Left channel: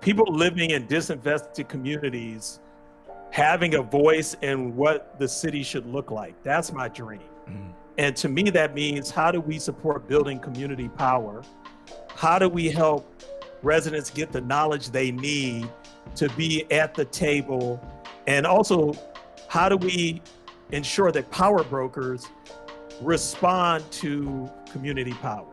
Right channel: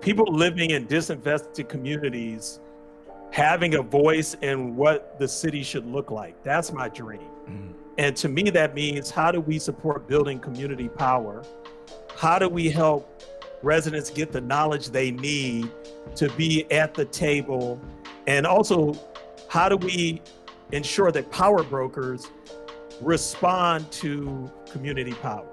people living in disinvested communities having a voice in what the city should look like. That's my dream. And to me, that means, how do we support building community power? How do we help residents get the knowledge they need to be at the table? And also, how do we ensure that power brokers respond to community power?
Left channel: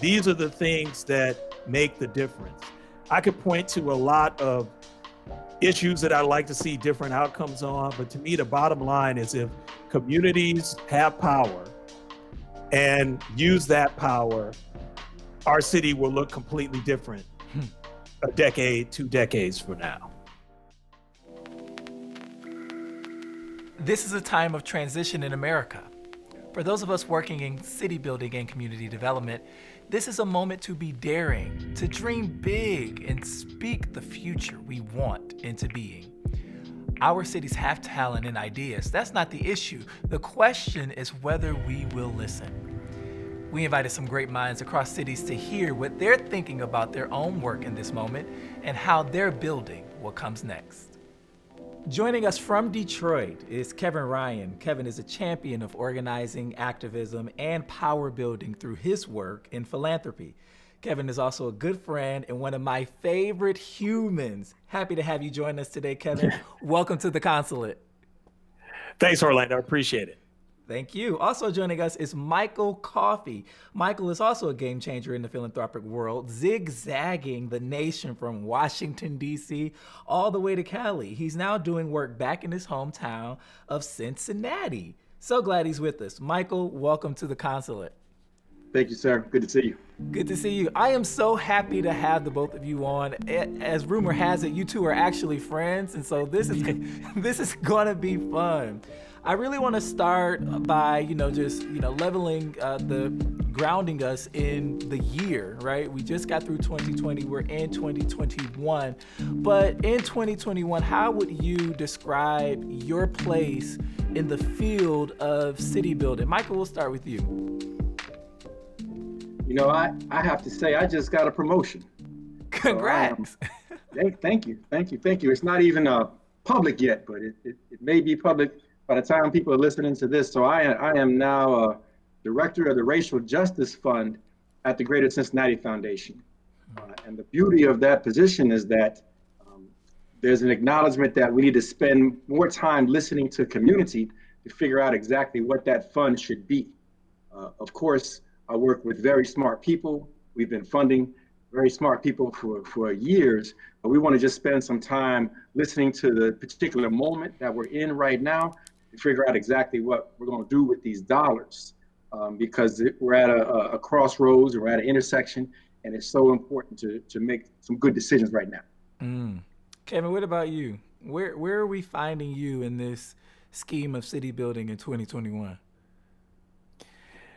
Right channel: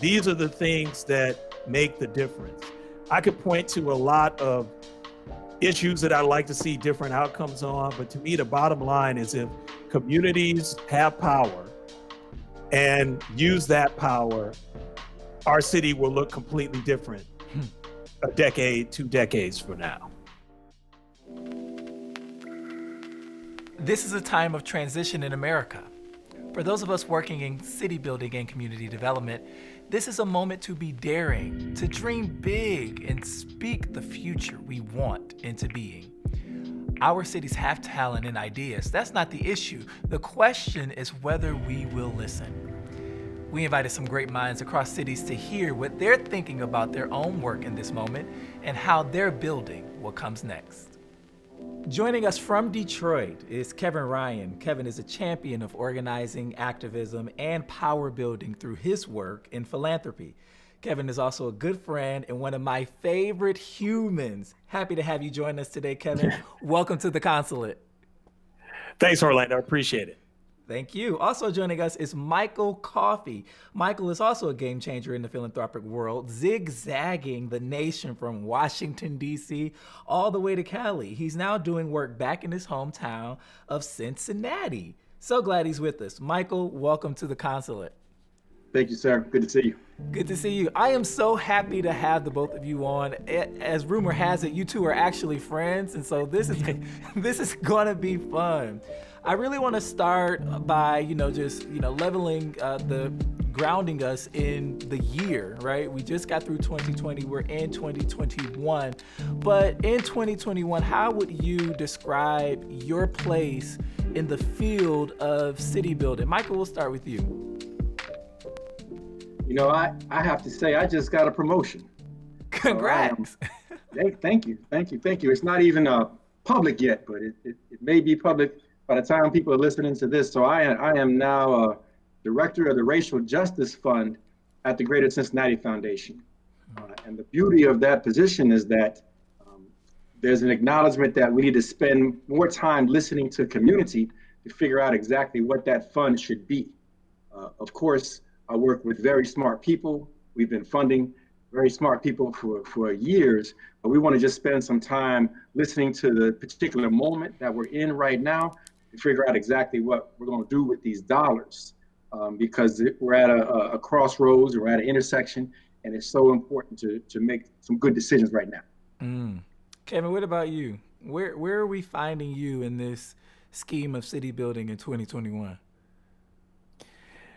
These are the things that make the difference. I could point to a lot of issues that I'd like to see different outcomes on, but to me, the bottom line is, if communities have power and use that power, our city will look completely different a decade, 2 decades from now. This is a time of transition in America. For those of us working in city building and community development, this is a moment to be daring, to dream big, and speak the future we want into being. Our cities have talent and ideas. That's not the issue. The question is whether we will listen. We invited some great minds across cities to hear what they're thinking about their own work in this moment and how they're building what comes next. Joining us from Detroit is Kevin Ryan. Kevin is a champion of organizing, activism, and power building through his work in philanthropy. Kevin is also a good friend and one of my favorite humans. Happy to have you join us today, Kevin. Welcome to the Consulate. Thanks, Orlando. I appreciate it. Thank you. Also joining us is Michael Coffey. Michael is also a game changer in the philanthropic world, zigzagging the nation from Washington, D.C. all the way to Cali. He's now doing work back in his hometown of Cincinnati. So glad he's with us. Michael, welcome to the Consulate. Thank you, sir. Good to see you. Good to see you. I am so happy to have the both of you on. As rumor has it, you two are actually friends, and so this is gonna be fun. I really want to start by, leveling grounding us in the year, right? We just got through 2020, we're in 2021. But in 2021, how would you describe your place in the field of city building? Michael, we'll start with you. You know, I have to say, I just got a promotion. Congrats. So thank you. It's not even public yet, but it may be public by the time people are listening to this. So I am now director of the Racial Justice Fund at the Greater Cincinnati Foundation. And the beauty of that position is that there's an acknowledgement that we need to spend more time listening to community to figure out exactly what that fund should be. Of course, I work with very smart people. We've been funding very smart people for years, but we want to just spend some time listening to the particular moment that we're in right now to figure out exactly what we're going to do with these dollars, because we're at a crossroads, we're at an intersection, and it's so important to make some good decisions right now. Kevin, what about you? Where are we finding you in this scheme of city building in 2021?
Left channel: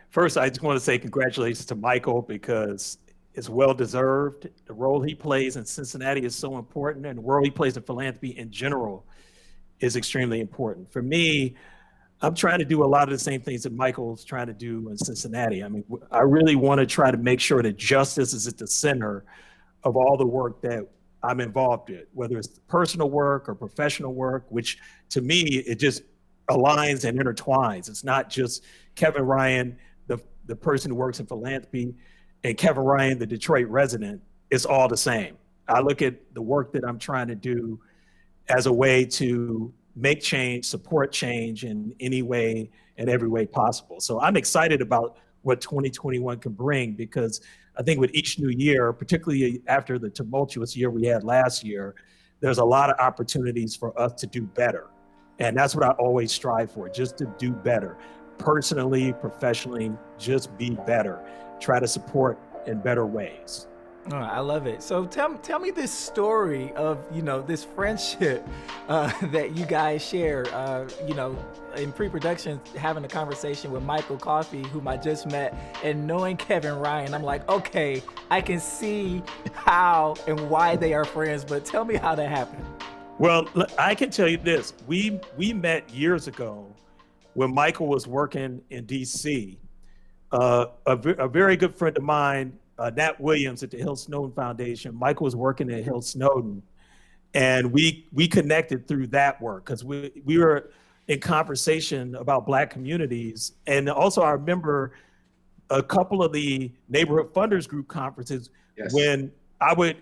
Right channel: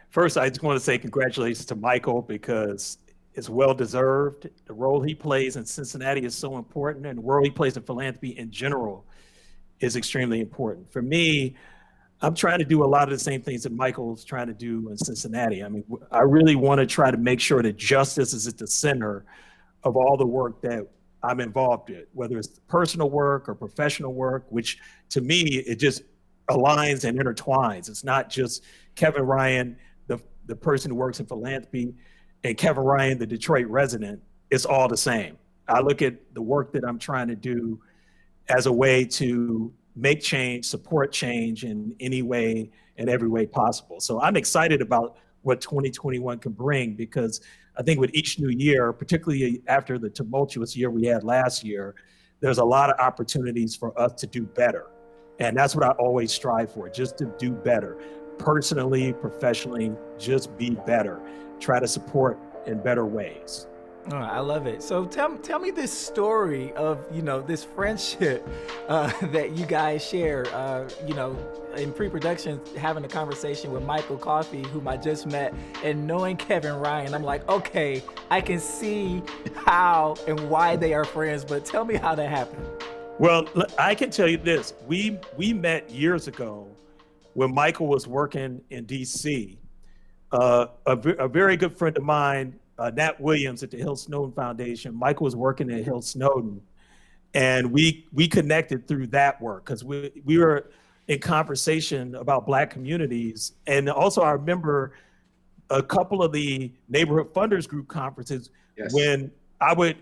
First, I just want to say congratulations to Michael, because it's well-deserved. The role he plays in Cincinnati is so important, and the role he plays in philanthropy in general is extremely important. For me, I'm trying to do a lot of the same things that Michael's trying to do in Cincinnati. I mean, I really want to try to make sure that justice is at the center of all the work that I'm involved in, whether it's personal work or professional work, which to me, it just aligns and intertwines. It's not just Kevin Ryan, the person who works in philanthropy, and Kevin Ryan, the Detroit resident. It's all the same. I look at the work that I'm trying to do as a way to make change, support change in any way and every way possible. So I'm excited about what 2021 can bring, because I think with each new year, particularly after the tumultuous year we had last year, there's a lot of opportunities for us to do better. And that's what I always strive for, just to do better. Personally, professionally, just be better. Try to support in better ways. Oh, I love it. So tell me this story of, this friendship that you guys share, in pre-production, having a conversation with Michael Coffey, whom I just met, and knowing Kevin Ryan. I'm like, okay, I can see how and why they are friends, but tell me how that happened. Well, I can tell you this. We met years ago when Michael was working in DC. A very good friend of mine Nat Williams at the Hill Snowden Foundation. Michael was working at Hill Snowden, and we connected through that work because we were in conversation about Black communities. And also I remember a couple of the neighborhood funders group conferences when I would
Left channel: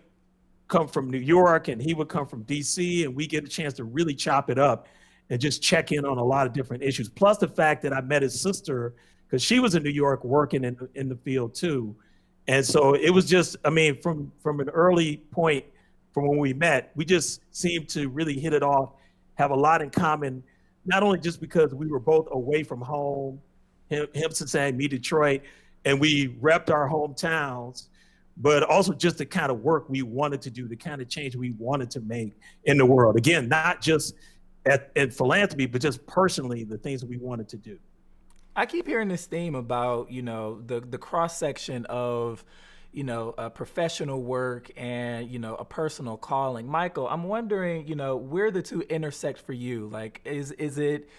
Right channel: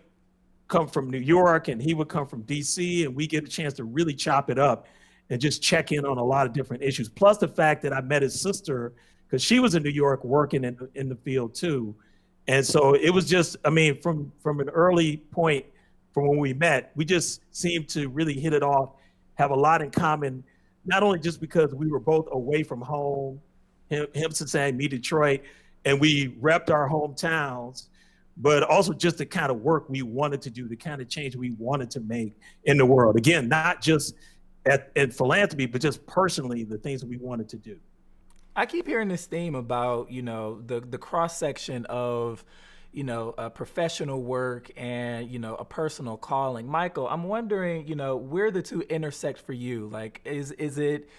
come from New York and he would come from DC, and we get a chance to really chop it up and just check in on a lot of different issues. Plus the fact that I met his sister because she was in New York working in the field too. And so it was just, I mean, from an early point from when we met, we just seemed to really hit it off, have a lot in common, not only just because we were both away from home, him Cincinnati, me Detroit, and we repped our hometowns, but also just the kind of work we wanted to do, the kind of change we wanted to make in the world. Again, not just at philanthropy, but just personally, the things we wanted to do. I keep hearing this theme about, the cross section of, professional work and, a personal calling. Michael, I'm wondering, where the two intersect for you. Like, is it,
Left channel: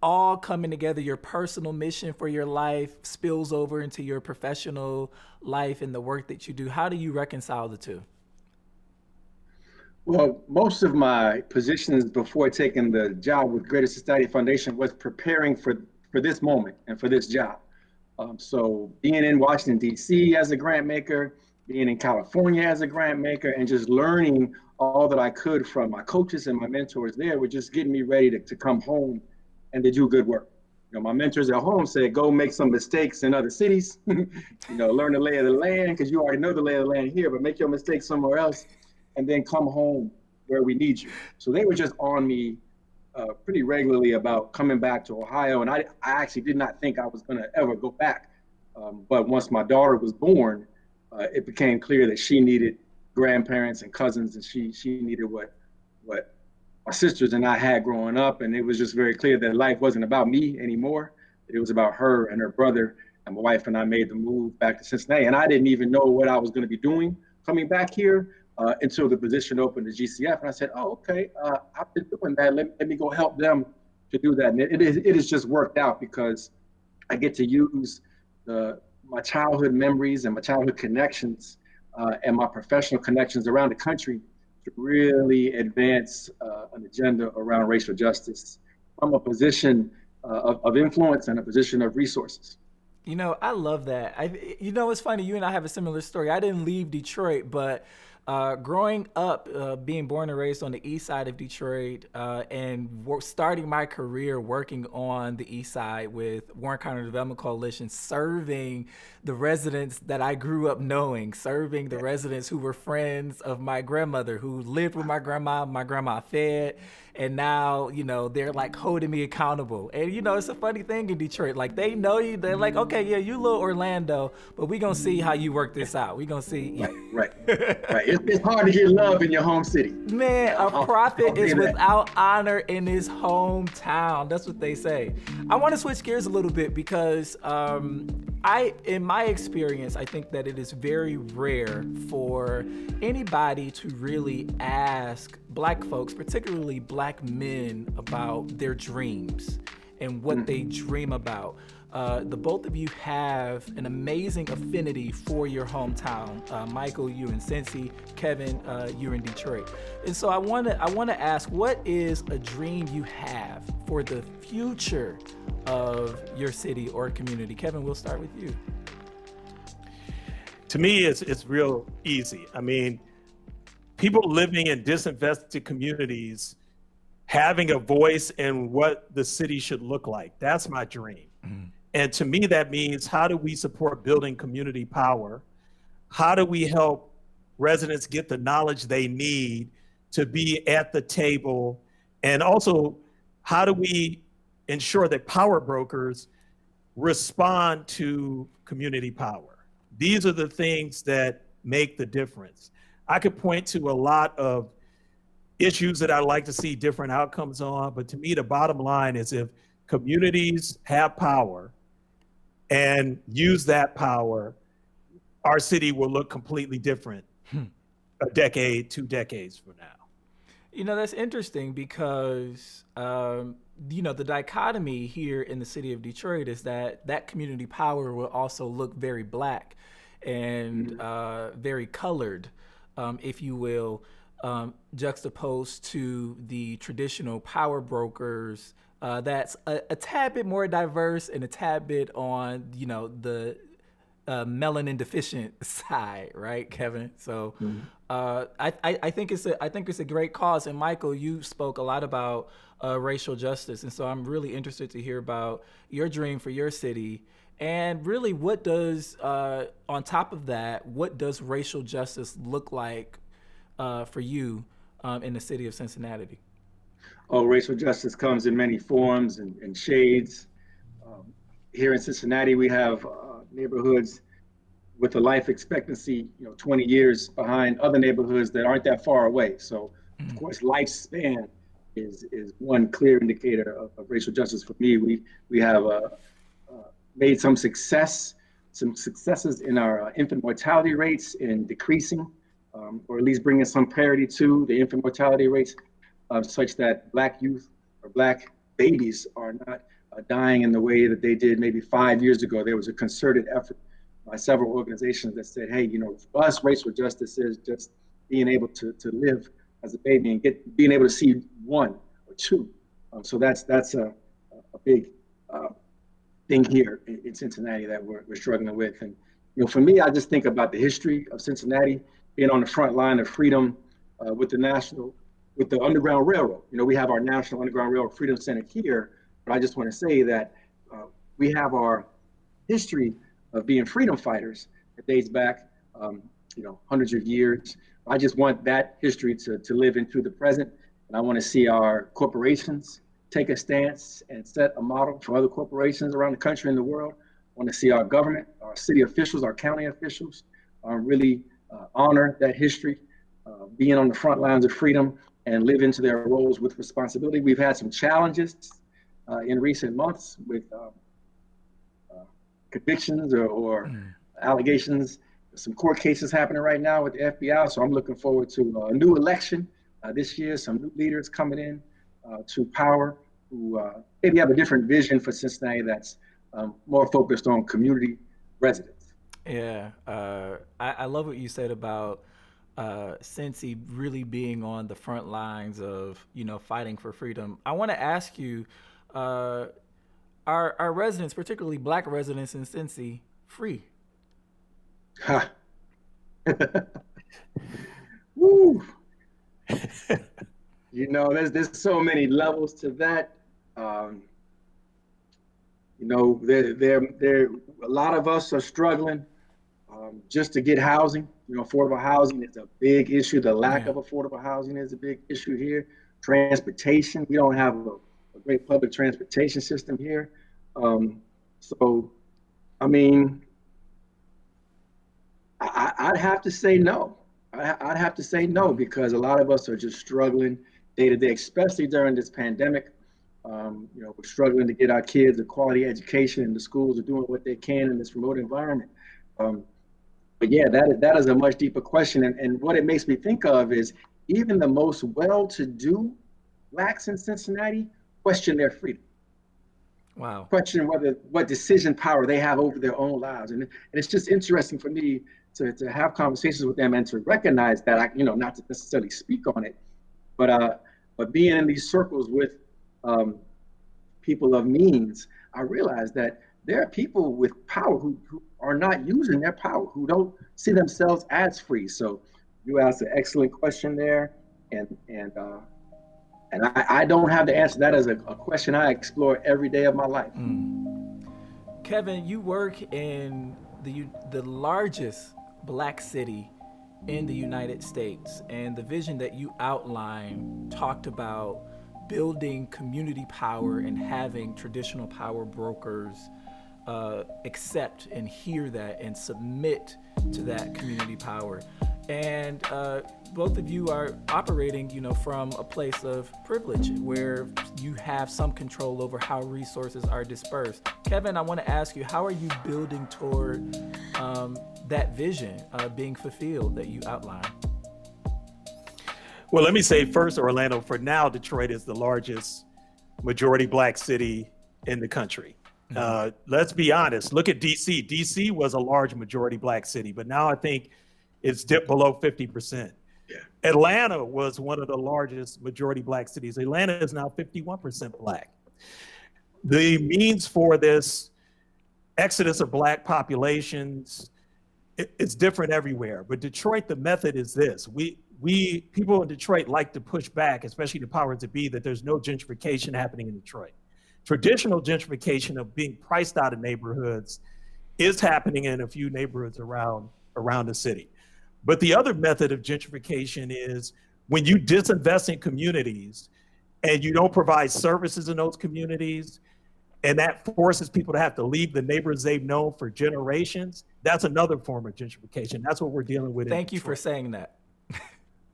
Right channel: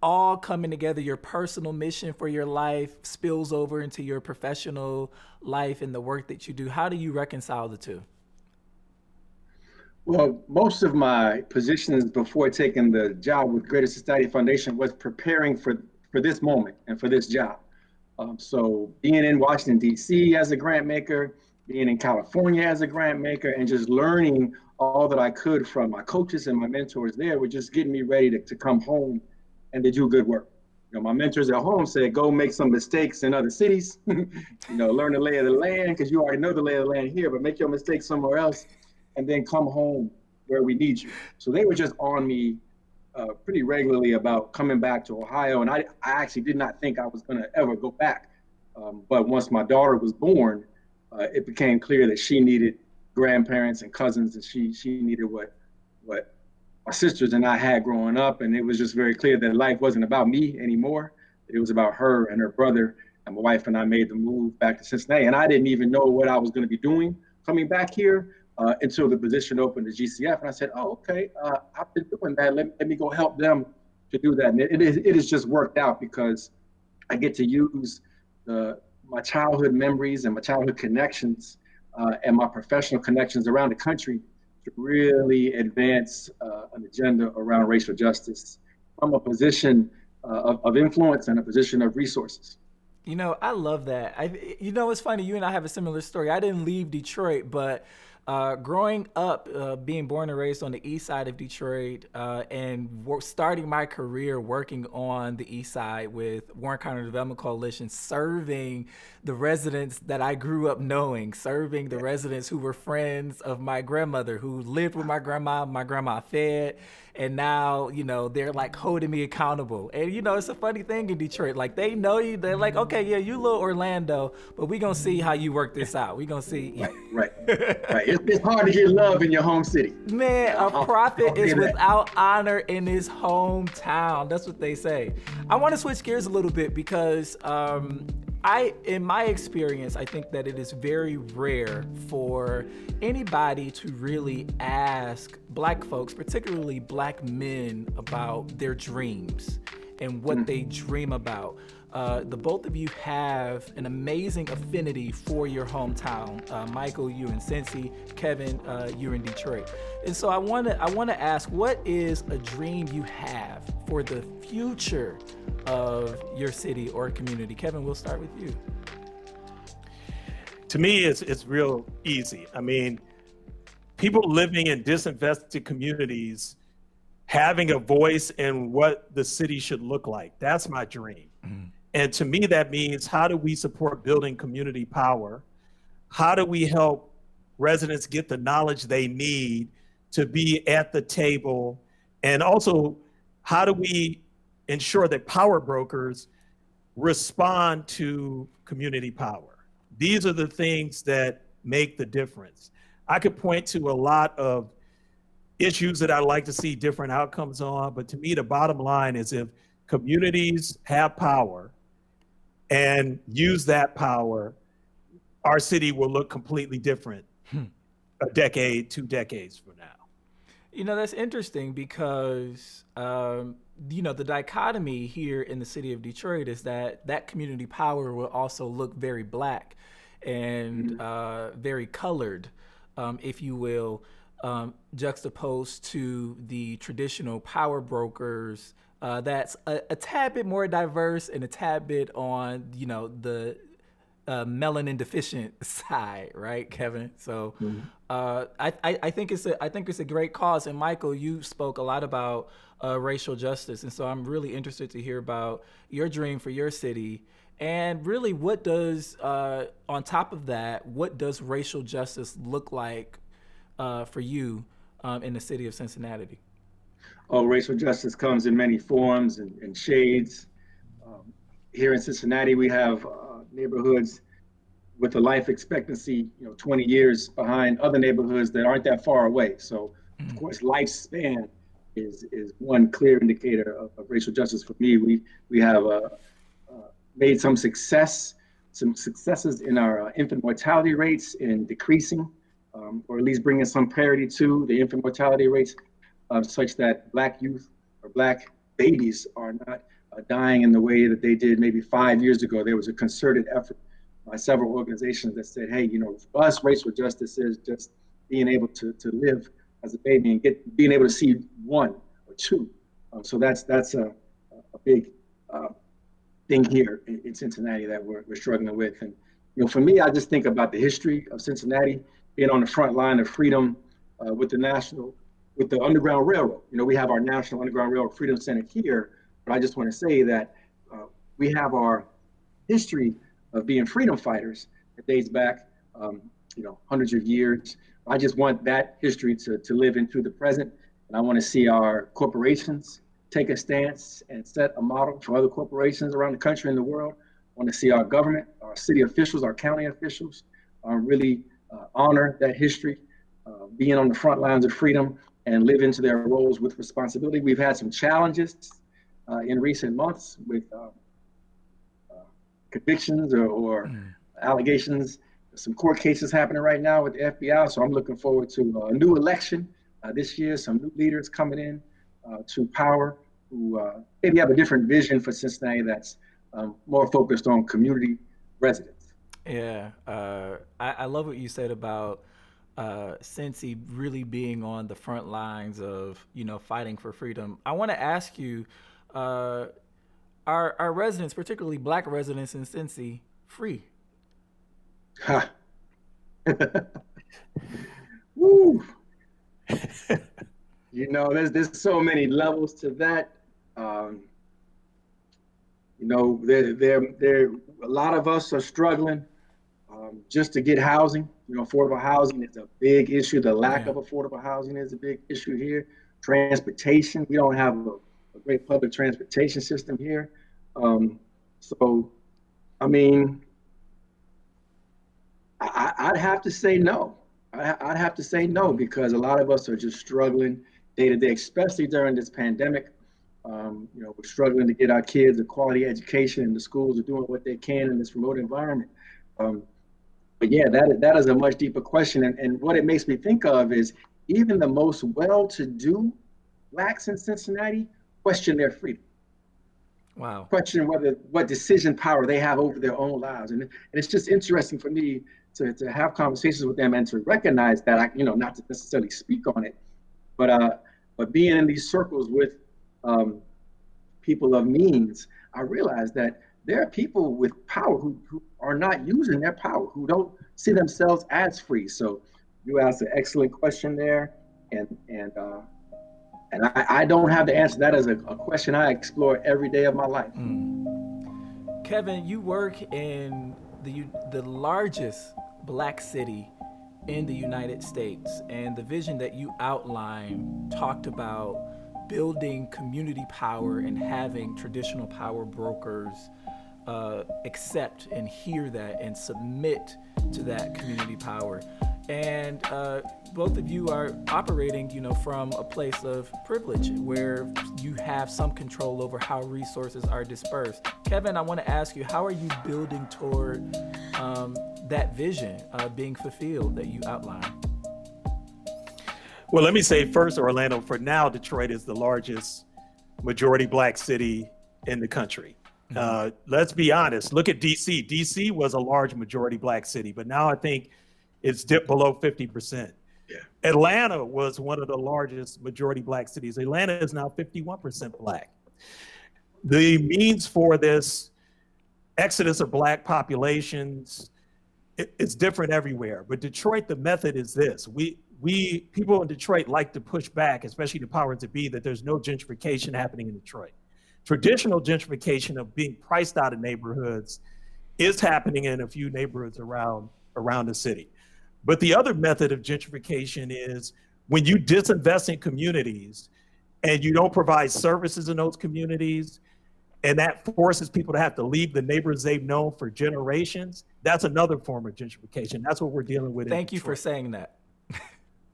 all coming together, your personal mission for your life spills over into your professional life and the work that you do? How do you reconcile the two? Well, most of my positions before taking the job with Greater Cincinnati Foundation was preparing for this moment and for this job. So being in Washington, D.C. as a grant maker, being in California as a grant maker, and just learning all that I could from my coaches and my mentors there were just getting me ready to come home and to do good work. My mentors at home said, go make some mistakes in other cities, learn the lay of the land, because you already know the lay of the land here, but make your mistakes somewhere else, and then come home where we need you. So they were just on me pretty regularly about coming back to Ohio. And I actually did not think I was going to ever go back. But once my daughter was born, it became clear that she needed grandparents and cousins, and she needed what my sisters and I had growing up. And it was just very clear that life wasn't about me anymore. It was about her and her brother. And my wife and I made the move back to Cincinnati. And I didn't even know what I was going to be doing coming back here until the position opened at GCF. And I said, oh, okay, I've been doing that. Let me go help them to do that. And it has just worked out because I get to use my childhood memories and my childhood connections and my professional connections around the country to really advance an agenda around racial justice from a position of influence and a position of resources. I love that. It's funny, you and I have a similar story. I didn't leave Detroit, but growing up, being born and raised on the east side of Detroit, and starting my career working on the east side with Warren County Development Coalition, serving the residents that I grew up knowing, serving the residents who were friends of my grandmother, who lived with my grandma fed, and now, they're like holding me accountable. And, it's a funny thing in Detroit. Like, they know you. They're like, okay, yeah, you little Orlando, but we going to see how you work this out. We going to see. Right. It's hard to get love in your home city. Man, a prophet is without honor in his hometown. That's what they say. I want to switch gears a little bit because in my experience, I think that it is very rare for anybody to really ask Black folks, particularly Black men, about their dreams and what they dream about. The both of you have an amazing affinity for your hometown. Michael, you're in Cincy. Kevin, you're in Detroit. And so I want to ask, what is a dream you have for the future of your city or community? Kevin, we'll start with you. To me, it's real easy. I mean, people living in disinvested communities having a voice in what the city should look like. That's my dream. And to me, that means, how do we support building community power? How do we help residents get the knowledge they need to be at the table? And also, how do we ensure that power brokers respond to community power? These are the things that make the difference. I could point to a lot of issues that I'd like to see different outcomes on, but to me, the bottom line is, if communities have power and use that power, our city will look completely different a decade, 2 decades from now. That's interesting because, the dichotomy here in the city of Detroit is that community power will also look very Black. and very colored, if you will, juxtaposed to the traditional power brokers. That's a tad bit more diverse and a tad bit on, the melanin deficient side, right, Kevin? So I think it's a great cause. And Michael, you spoke a lot about racial justice, and so I'm really interested to hear about your dream for your city. And really, what does on top of that, what does racial justice look like for you in the city of Cincinnati? Oh, racial justice comes in many forms and shades. Here in Cincinnati, we have neighborhoods with a life expectancy, 20 years behind other neighborhoods that aren't that far away. So, of course, lifespan is one clear indicator of racial justice for me. We have made some successes in our infant mortality rates in decreasing, or at least bringing some parity to the infant mortality rates, such that Black youth or Black babies are not dying in the way that they did maybe 5 years ago. There was a concerted effort by several organizations that said, hey, for us, racial justice is just being able to live as a baby and being able to see one or two. So that's a big thing here in Cincinnati that we're struggling with. And for me, I just think about the history of Cincinnati being on the front line of freedom with the Underground Railroad. We have our National Underground Railroad Freedom Center here, but I just want to say that we have our history of being freedom fighters that dates back, hundreds of years. I just want that history to live into the present, and I want to see our corporations take a stance and set a model for other corporations around the country and the world. I want to see our government, our city officials, our county officials really honor that history, being on the front lines of freedom and live into their roles with responsibility. We've had some challenges in recent months with convictions or allegations. Some court cases happening right now with the FBI. So I'm looking forward to a new election this year, some new leaders coming in to power who maybe have a different vision for Cincinnati that's more focused on community residents. Yeah, I love what you said about Cincy really being on the front lines of, fighting for freedom. I want to ask you, our residents, particularly Black residents in Cincy, free? Ha. Woo. There's so many levels to that. There a lot of us are struggling just to get housing. Affordable housing is a big issue. The lack of affordable housing is a big issue here. Transportation, we don't have a great public transportation system here. So, I mean, I'd have to say no. I'd have to say no, because a lot of us are just struggling day to day, especially during this pandemic. We're struggling to get our kids a quality education, and the schools are doing what they can in this remote environment. But yeah, that is a much deeper question. And what it makes me think of is even the most well-to-do Blacks in Cincinnati question their freedom. Wow. Question what decision power they have over their own lives. And it's just interesting for me to have conversations with them and to recognize that, not to necessarily speak on it, but being in these circles with people of means, I realize that there are people with power who are not using their power, who don't see themselves as free. So you asked an excellent question there, and I don't have the answer. That is a question I explore every day of my life. Kevin, you work in the largest Black city in the United States, and the vision that you outlined talked about building community power and having traditional power brokers accept and hear that and submit to that community power. And both of you are operating, from a place of privilege where you have some control over how resources are dispersed. Kevin, I want to ask you, how are you building toward that vision being fulfilled that you outlined? Well, let me say first, Orlando, for now, Detroit is the largest majority Black city in the country. Let's be honest. Look at DC. DC was a large majority black city, but now I think it's dipped below 50%. Yeah. Atlanta was one of the largest majority black cities. Atlanta is now 51% black. The means for this exodus of black populations, it's different everywhere. But Detroit, the method is this. We people in Detroit like to push back, especially the powers that be, that there's no gentrification happening in Detroit. Traditional gentrification of being priced out of neighborhoods is happening in a few neighborhoods around the city. But the other method of gentrification is when you disinvest in communities and you don't provide services in those communities, and that forces people to have to leave the neighborhoods they've known for generations. That's another form of gentrification. That's what we're dealing with. Thank you for saying that.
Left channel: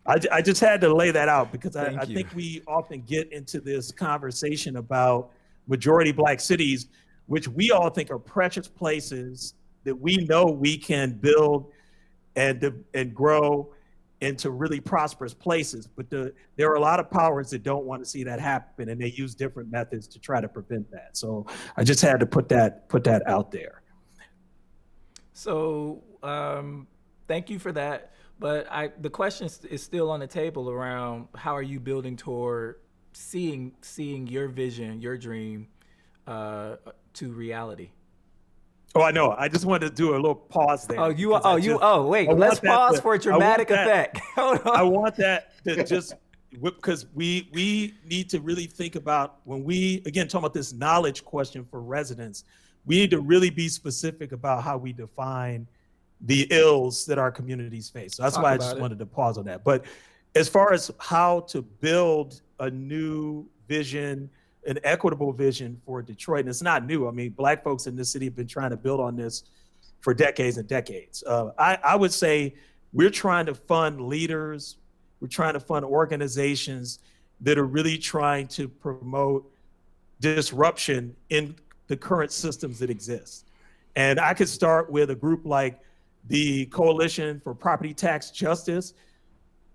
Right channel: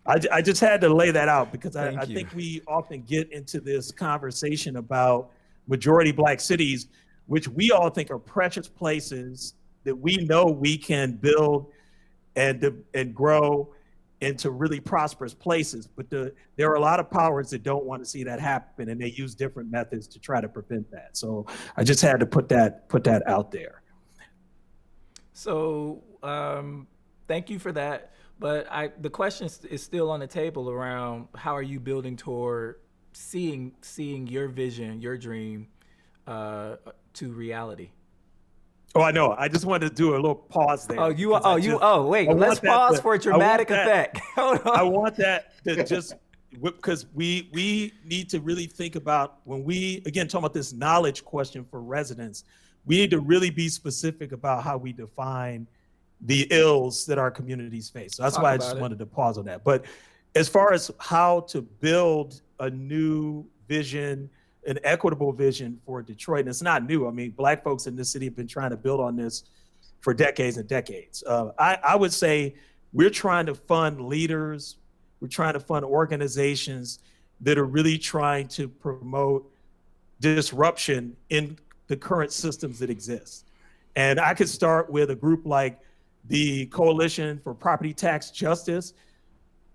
I just had to lay that out because I think we often get into this conversation about majority black cities, which we all think are precious places that we know we can build and grow into really prosperous places. But there are a lot of powers that don't want to see that happen, and they use different methods to try to prevent that. So I just had to put that out there. So thank you for that. But the question is still on the table around how are you building toward seeing your vision, your dream to reality? Oh, I know. I just wanted to do a little pause there. Wait, let's pause for a dramatic effect. Hold on. I want that to just, because we need to really think about when we, again, talking about this knowledge question for residents, we need to really be specific about how we define the ills that our communities face. So that's why I just wanted to pause on that. But as far as how to build a new vision, an equitable vision for Detroit, and it's not new. I mean, black folks in this city have been trying to build on this for decades and decades. I would say we're trying to fund leaders, we're trying to fund organizations that are really trying to promote disruption in the current systems that exist. And I could start with a group like the Coalition for Property Tax Justice.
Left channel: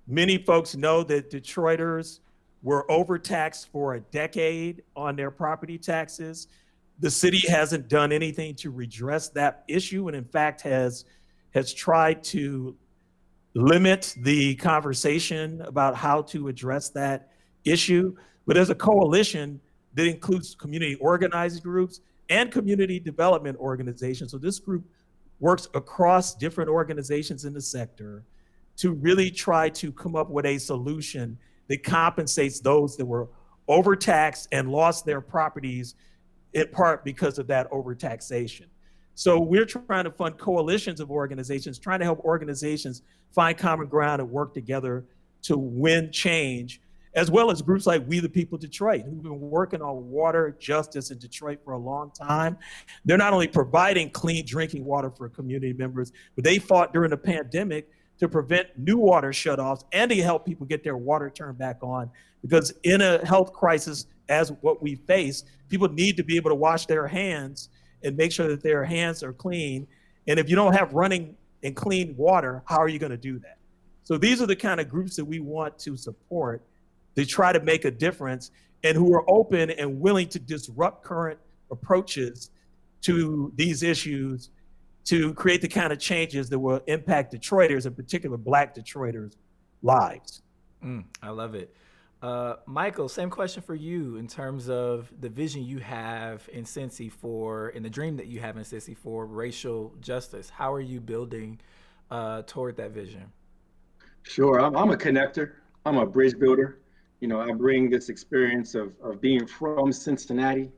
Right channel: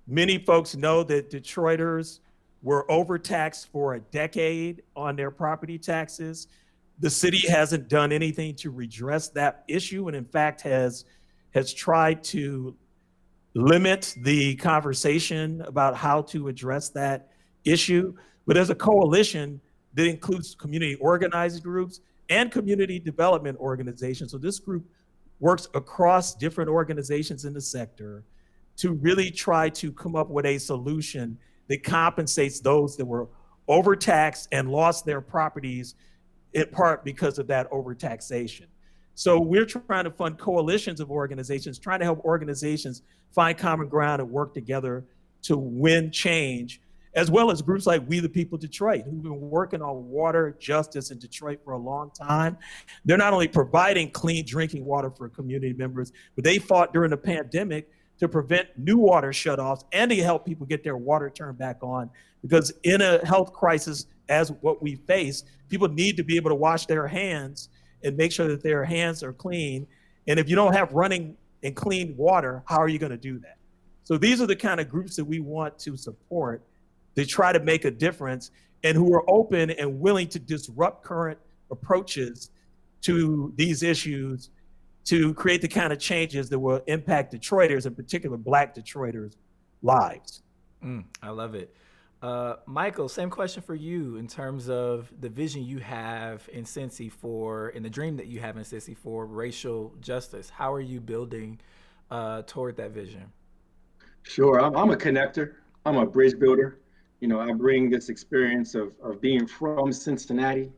Many folks know that Detroiters were overtaxed for a decade on their property taxes. The city hasn't done anything to redress that issue, and in fact has tried to limit the conversation about how to address that issue. But as a coalition that includes community organizing groups and community development organizations, so this group works across different organizations in the sector to really try to come up with a solution that compensates those that were overtaxed and lost their properties in part because of that overtaxation. So we're trying to fund coalitions of organizations, trying to help organizations find common ground and work together to win change, as well as groups like We the People Detroit, who've been working on water justice in Detroit for a long time. They're not only providing clean drinking water for community members, but they fought during the pandemic to prevent new water shutoffs and to help people get their water turned back on. Because in a health crisis as what we face, people need to be able to wash their hands and make sure that their hands are clean. And if you don't have running and clean water, how are you going to do that? So these are the kind of groups that we want to support to try to make a difference and who are open and willing to disrupt current approaches to these issues to create the kind of changes that will impact Detroiters, in particular Black Detroiters' lives. I love it. Michael, same question for you in terms of the vision you have in Cincy and the dream that you have in Cincy for racial justice. How are you building toward that vision? Sure, I'm a connector. I'm a bridge builder. You know, I bring this experience of being from Cincinnati,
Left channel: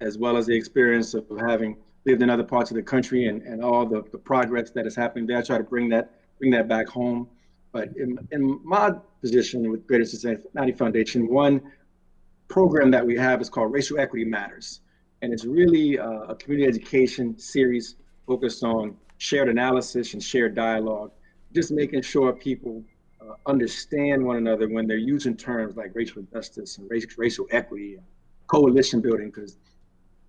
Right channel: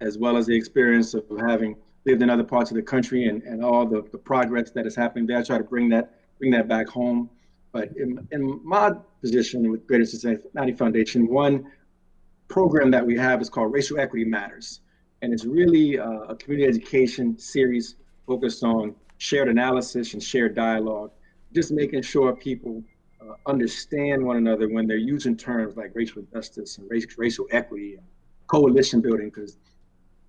as well as the experience of having lived in other parts of the country and all the progress that is happening there. I try to bring that back home. But in my position with Greater Cincinnati Foundation, one program that we have is called Racial Equity Matters. And it's really a community education series focused on shared analysis and shared dialogue, just making sure people understand one another when they're using terms like racial justice and racial equity and coalition building, because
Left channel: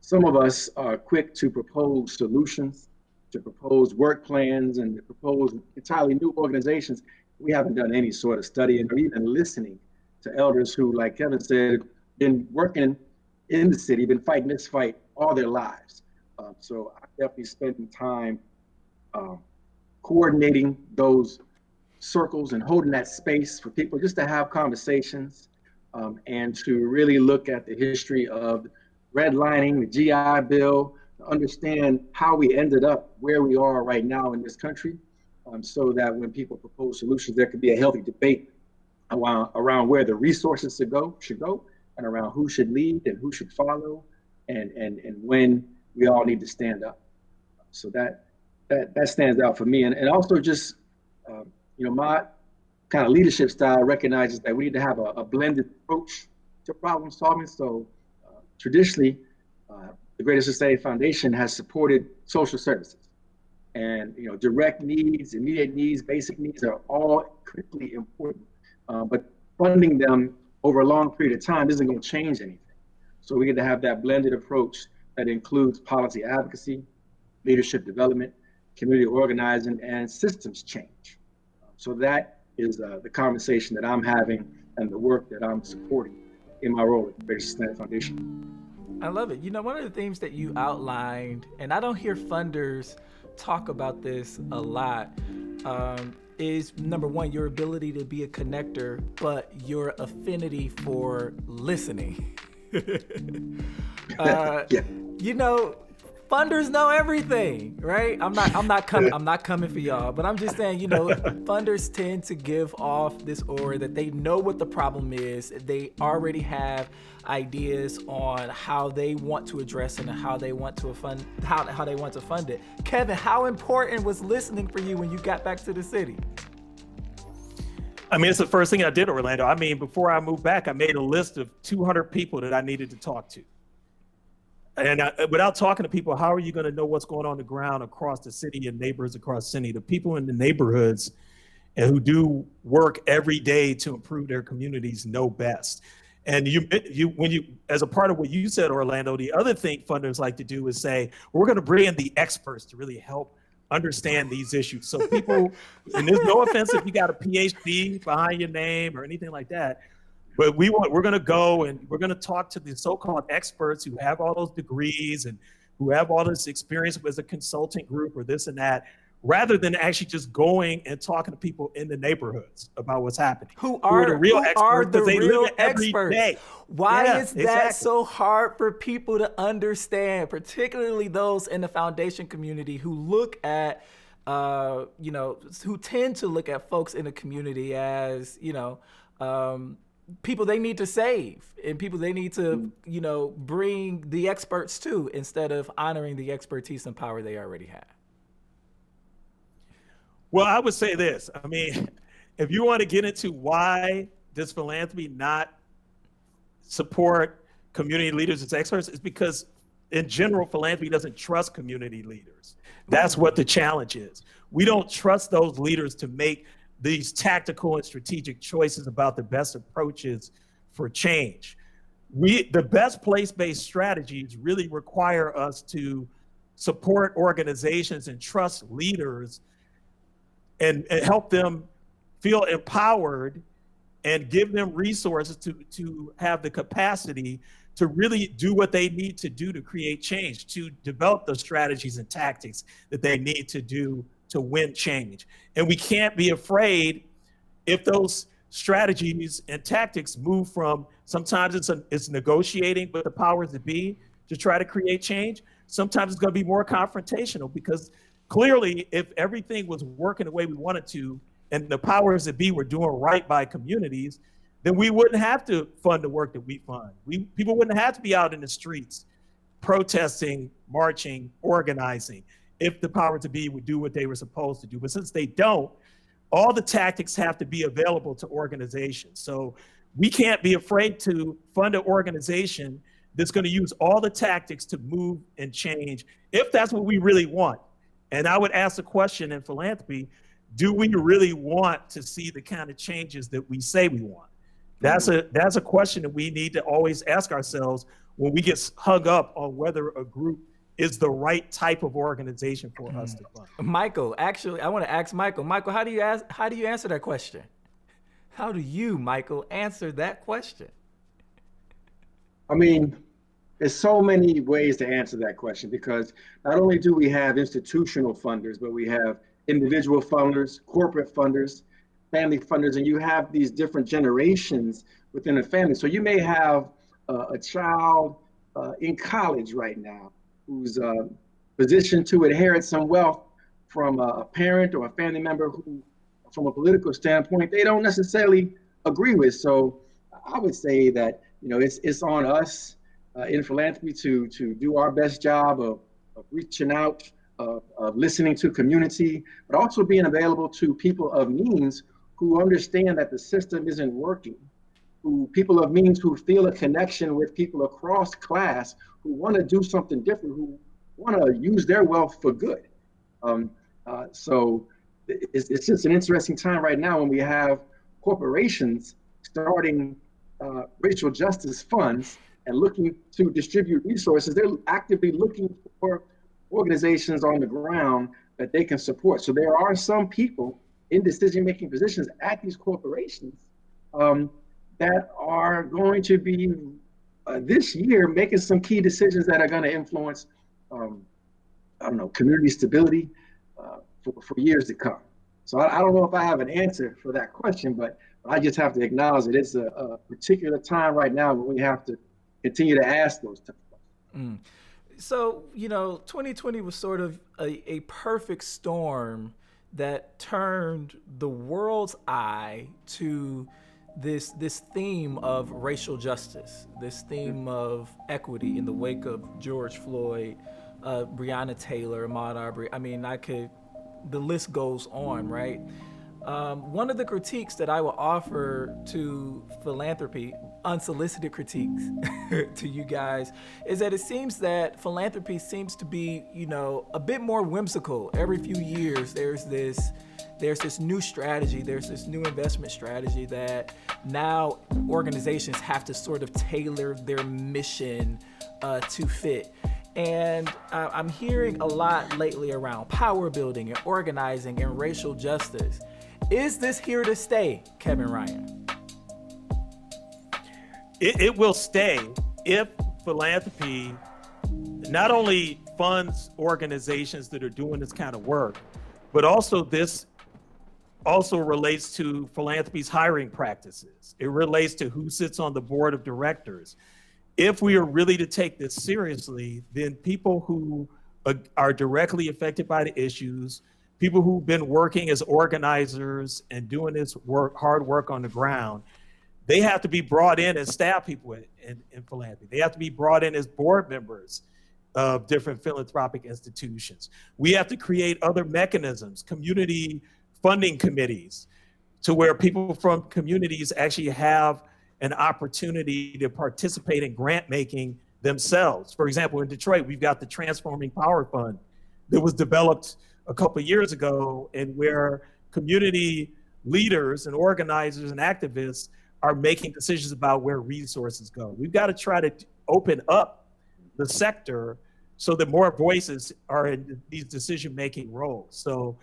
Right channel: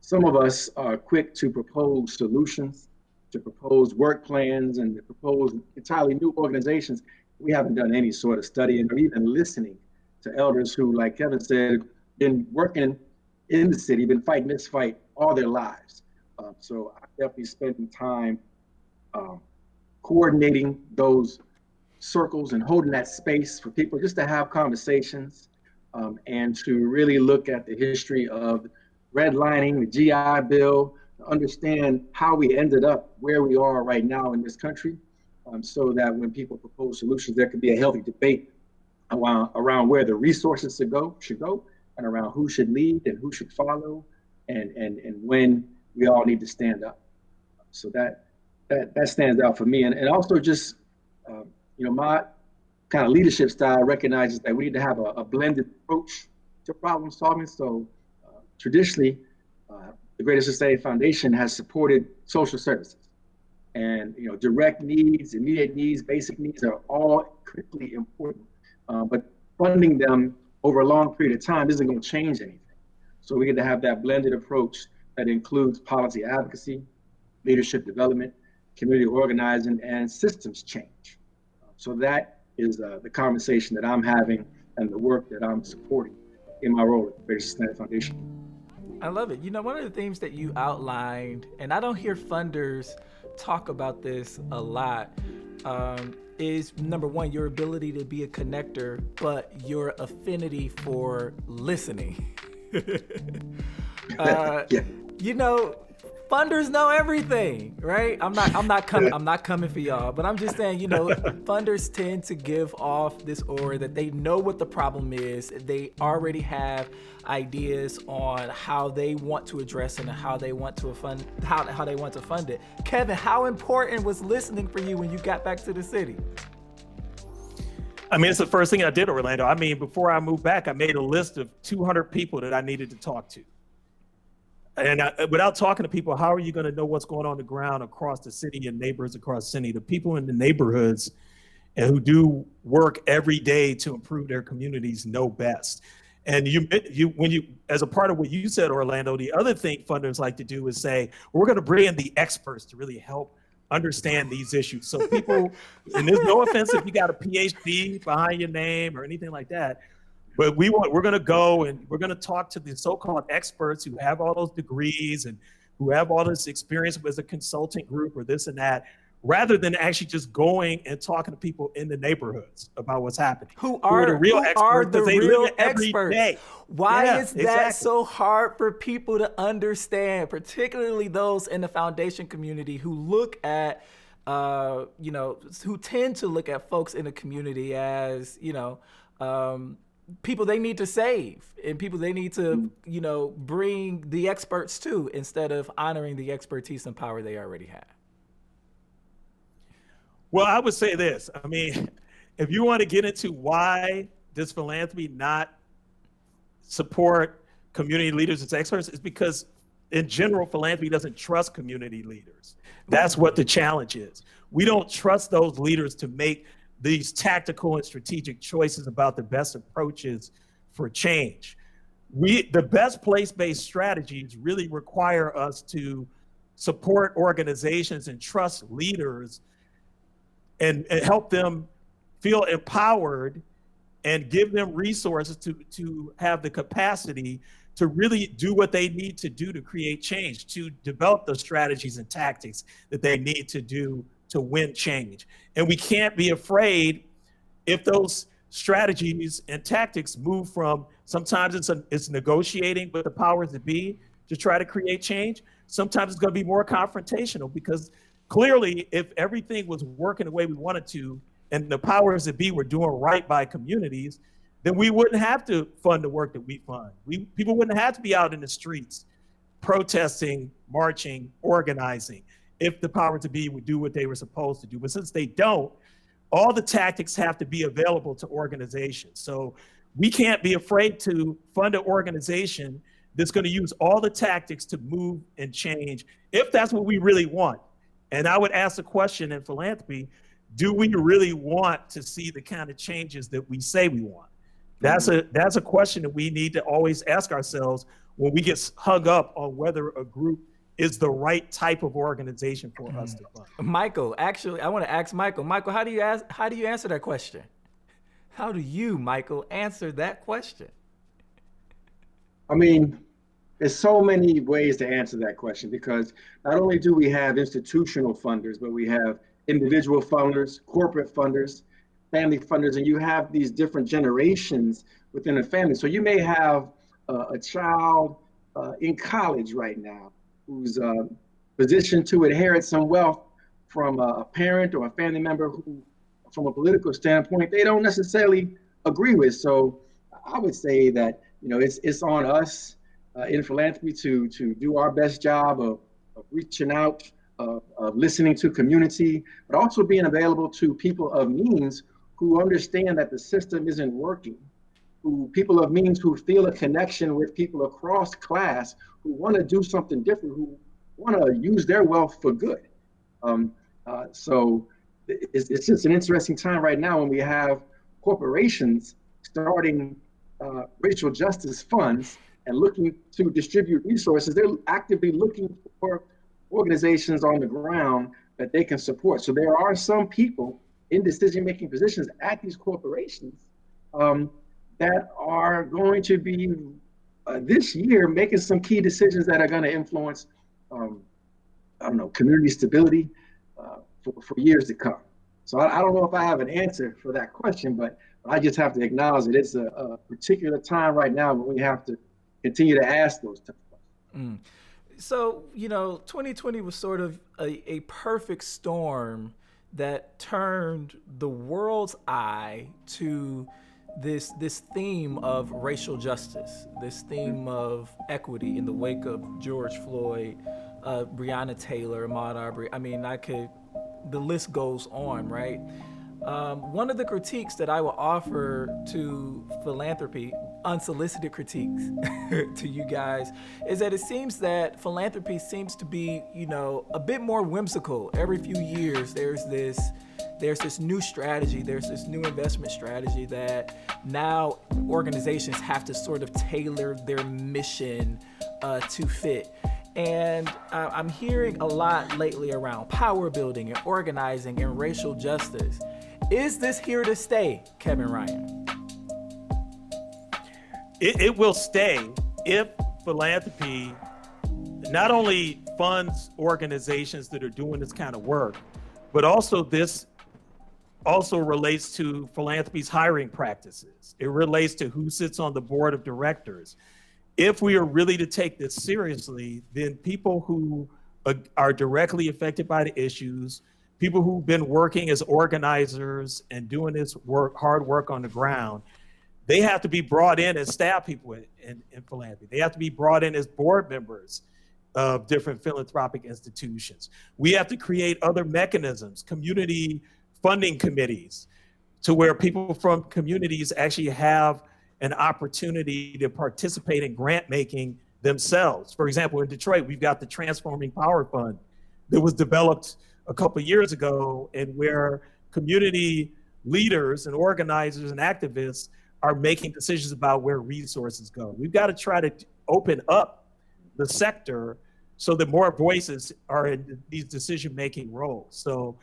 some of us are quick to propose solutions, to propose work plans, and to propose entirely new organizations. We haven't done any sort of studying or even listening to elders who, like Kevin said, been working in the city, been fighting this fight all their lives. So I definitely spending time coordinating those circles and holding that space for people just to have conversations, and to really look at the history of redlining, the GI Bill, to understand how we ended up where we are right now in this country, so that when people propose solutions, there could be a healthy debate around where the resources should go, and around who should lead and who should follow, and when we all need to stand up. So that stands out for me, and also just my kind of leadership style recognizes that we need to have a blended approach to problem solving. So traditionally, the Greater Cincinnati Foundation has supported social services, and direct needs, immediate needs, basic needs are all critically important. But funding them over a long period of time isn't going to change anything. So we get to have that blended approach that includes policy advocacy, leadership development, community organizing, and systems change. So that is the conversation that I'm having and the work that I'm supporting in my role at the Greater Cincinnati Foundation. I love it. One of the themes that you outlined, and I don't hear funders talk about this a lot, is number one, your ability to be a connector, but your affinity for listening. Yeah. Funders know everything, right? I'm not coming for y'all, but I'm just saying, funders tend to give off this aura that they know what the problem is. They already have ideas on how they want to address it and how they want to fund it. Kevin, how important was listening for you when you got back to the city? I mean, it's the first thing I did, Orlando. I mean, before I moved back, I made a list of 200 people that I needed to talk to. And without talking to people, how are you going to know what's going on the ground across the city and neighborhoods across the city? The people in the neighborhoods and who do work every day to improve their communities know best. And when you, as a part of what you said, Orlando, the other thing funders like to do is say, we're going to bring in the experts to really help understand these issues. So people, and there's no offense if you got a PhD behind your name or anything like that, but we're going to go and we're going to talk to the so-called experts who have all those degrees and who have all this experience with a consulting group or this and that, rather than actually just going and talking to people in the neighborhoods about what's happening. Who are the real experts? Why is that so hard for people to understand, particularly those in the foundation community who look at, who tend to look at folks in the community as, people they need to save and people they need to, bring the experts to, instead of honoring the expertise and power they already have? Well, I would say this. I mean, if you want to get into why does philanthropy not support community leaders as experts, it's because in general, philanthropy doesn't trust community leaders. That's what the challenge is. We don't trust those leaders to make these tactical and strategic choices about the best approaches for change. The best place-based strategies really require us to support organizations and trust leaders and help them feel empowered and give them resources to have the capacity to really do what they need to do to create change, to develop the strategies and tactics that they need to do to win change. And we can't be afraid if those strategies and tactics move from, sometimes it's negotiating with the powers that be to try to create change. Sometimes it's going to be more confrontational, because clearly if everything was working the way we wanted to and the powers that be were doing right by communities, then we wouldn't have to fund the work that we fund. People wouldn't have to be out in the streets protesting, marching, organizing, if the powers that be would do what they were supposed to do. But since they don't, all the tactics have to be available to organizations. So we can't be afraid to fund an organization that's going to use all the tactics to move and change, if that's what we really want. And I would ask the question in philanthropy, do we really want to see the kind of changes that we say we want? That's a question that we need to always ask ourselves when we get hung up on whether a group is the right type of organization for us to fund. Michael, actually, I want to ask Michael. Michael, how do you answer that question? How do you, Michael, answer that question? I mean, There's so many ways to answer that question, because not only do we have institutional funders, but we have individual funders, corporate funders, family funders, and you have these different generations within a family. So you may have a child in college right now who's positioned to inherit some wealth from a parent or a family member who, from a political standpoint, they don't necessarily agree with. So I would say that, it's on us in philanthropy to do our best job of reaching out, of listening to community, but also being available to people of means who understand that the system isn't working, who people of means who feel a connection with people across class who want to do something different, who want to use their wealth for good. So it's just an interesting time right now when we have corporations starting racial justice funds and looking to distribute resources. They're actively looking for organizations on the ground that they can support. So there are some people in decision-making positions at these corporations that are going to be this year making some key decisions that are going to influence, community stability for years to come. So I don't know if I have an answer for that question, but I just have to acknowledge that it's a particular time right now when we have to continue to ask those types of questions. So, 2020 was sort of a perfect storm that turned the world's eye to this theme of racial justice, this theme of equity in the wake of George Floyd, Breonna Taylor, Ahmaud Arbery. I mean, the list goes on, right? One of the critiques that I will offer to philanthropy, unsolicited critiques to you guys, is that it seems that philanthropy seems to be, a bit more whimsical. Every few years, there's this new strategy, there's this new investment strategy that now organizations have to sort of tailor their mission to fit. And I'm hearing a lot lately around power building and organizing and racial justice. Is this here to stay, Kevin Ryan? It will stay if philanthropy not only funds organizations that are doing this kind of work, but also this also relates to philanthropy's hiring practices. It relates to who sits on the board of directors. If we are really to take this seriously, then people who are directly affected by the issues, people who've been working as organizers and doing this hard work on the ground, they have to be brought in as staff people in philanthropy. They have to be brought in as board members of different philanthropic institutions. We have to create other mechanisms, community funding committees, to where people from communities actually have an opportunity to participate in grant making themselves. For example, in Detroit, we've got the Transforming Power Fund that was developed a couple of years ago, and where community leaders and organizers and activists are making decisions about where resources go. We've got to try to open up the sector so that more voices are in these decision-making roles. So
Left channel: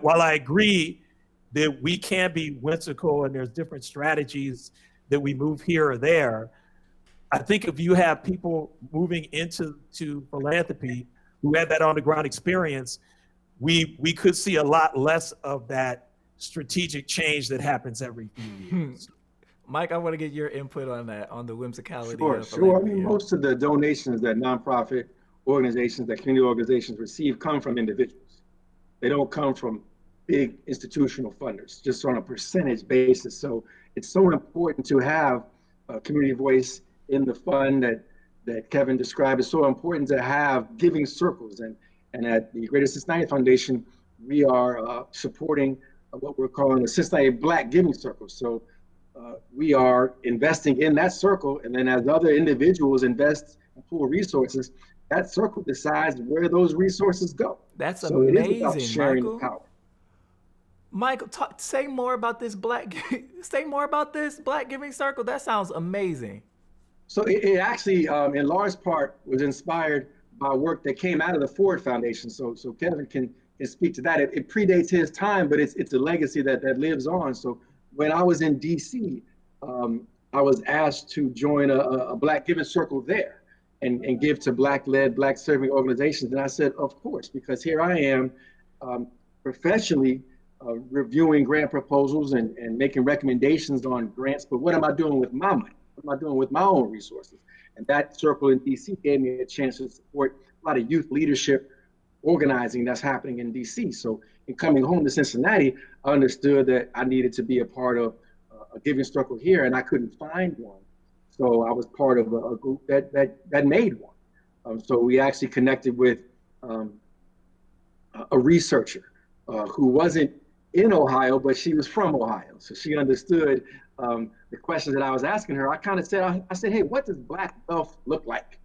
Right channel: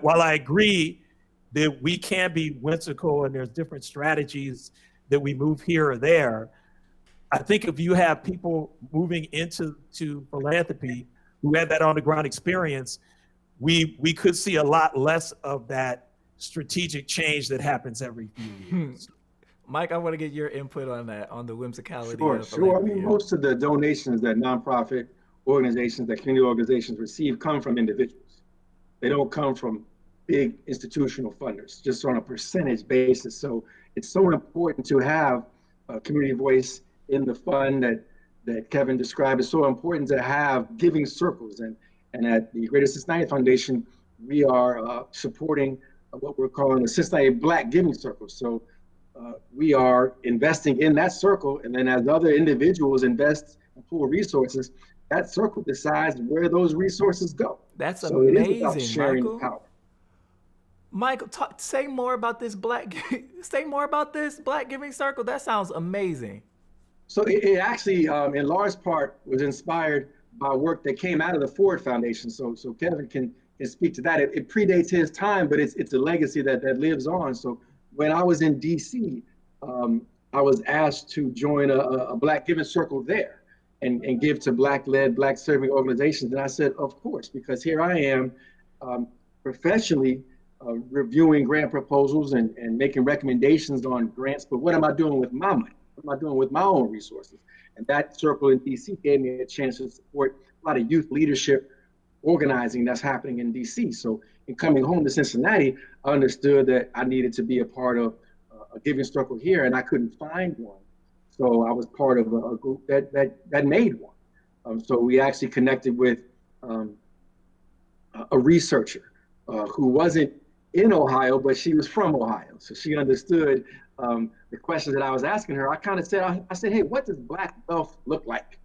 while I agree that we can be whimsical and there's different strategies that we move here or there, I think if you have people moving into philanthropy who have that on-the-ground experience, we could see a lot less of that strategic change that happens every few years. Mike, I want to get your input on that, on the whimsicality of Sure. I philanthropy. mean, most of the donations that nonprofit organizations, that community organizations receive come from individuals. They don't come from big institutional funders, just on a percentage basis. So it's so important to have a community voice in the fund that Kevin described. It's so important to have giving circles. And at the Greater Cincinnati Foundation, we are supporting what we're calling the Cincinnati Black Giving Circle. So we are investing in that circle, and then as other individuals invest and pool resources, that circle decides where those resources go. That's so amazing, it is about sharing Michael. the power. Michael, say more about this Black Giving Circle. That sounds amazing. So it actually, in large part, was inspired by work that came out of the Ford Foundation. So Kevin can speak to that. It predates his time, but it's a legacy that lives on. So when I was in DC, I was asked to join a Black Giving Circle there. and give to Black-led, Black-serving organizations? And I said, of course, because here I am professionally reviewing grant proposals and making recommendations on grants, but what am I doing with my money? What am I doing with my own resources? And that circle in DC gave me a chance to support a lot of youth leadership organizing that's happening in DC. So in coming home to Cincinnati, I understood that I needed to be a part of a giving circle here, and I couldn't find one. So I was part of a group that made one. So we actually connected with a researcher who wasn't in Ohio, but she was from Ohio. So she understood the questions that I was asking her. I kind of said, I said, hey, what does Black wealth look like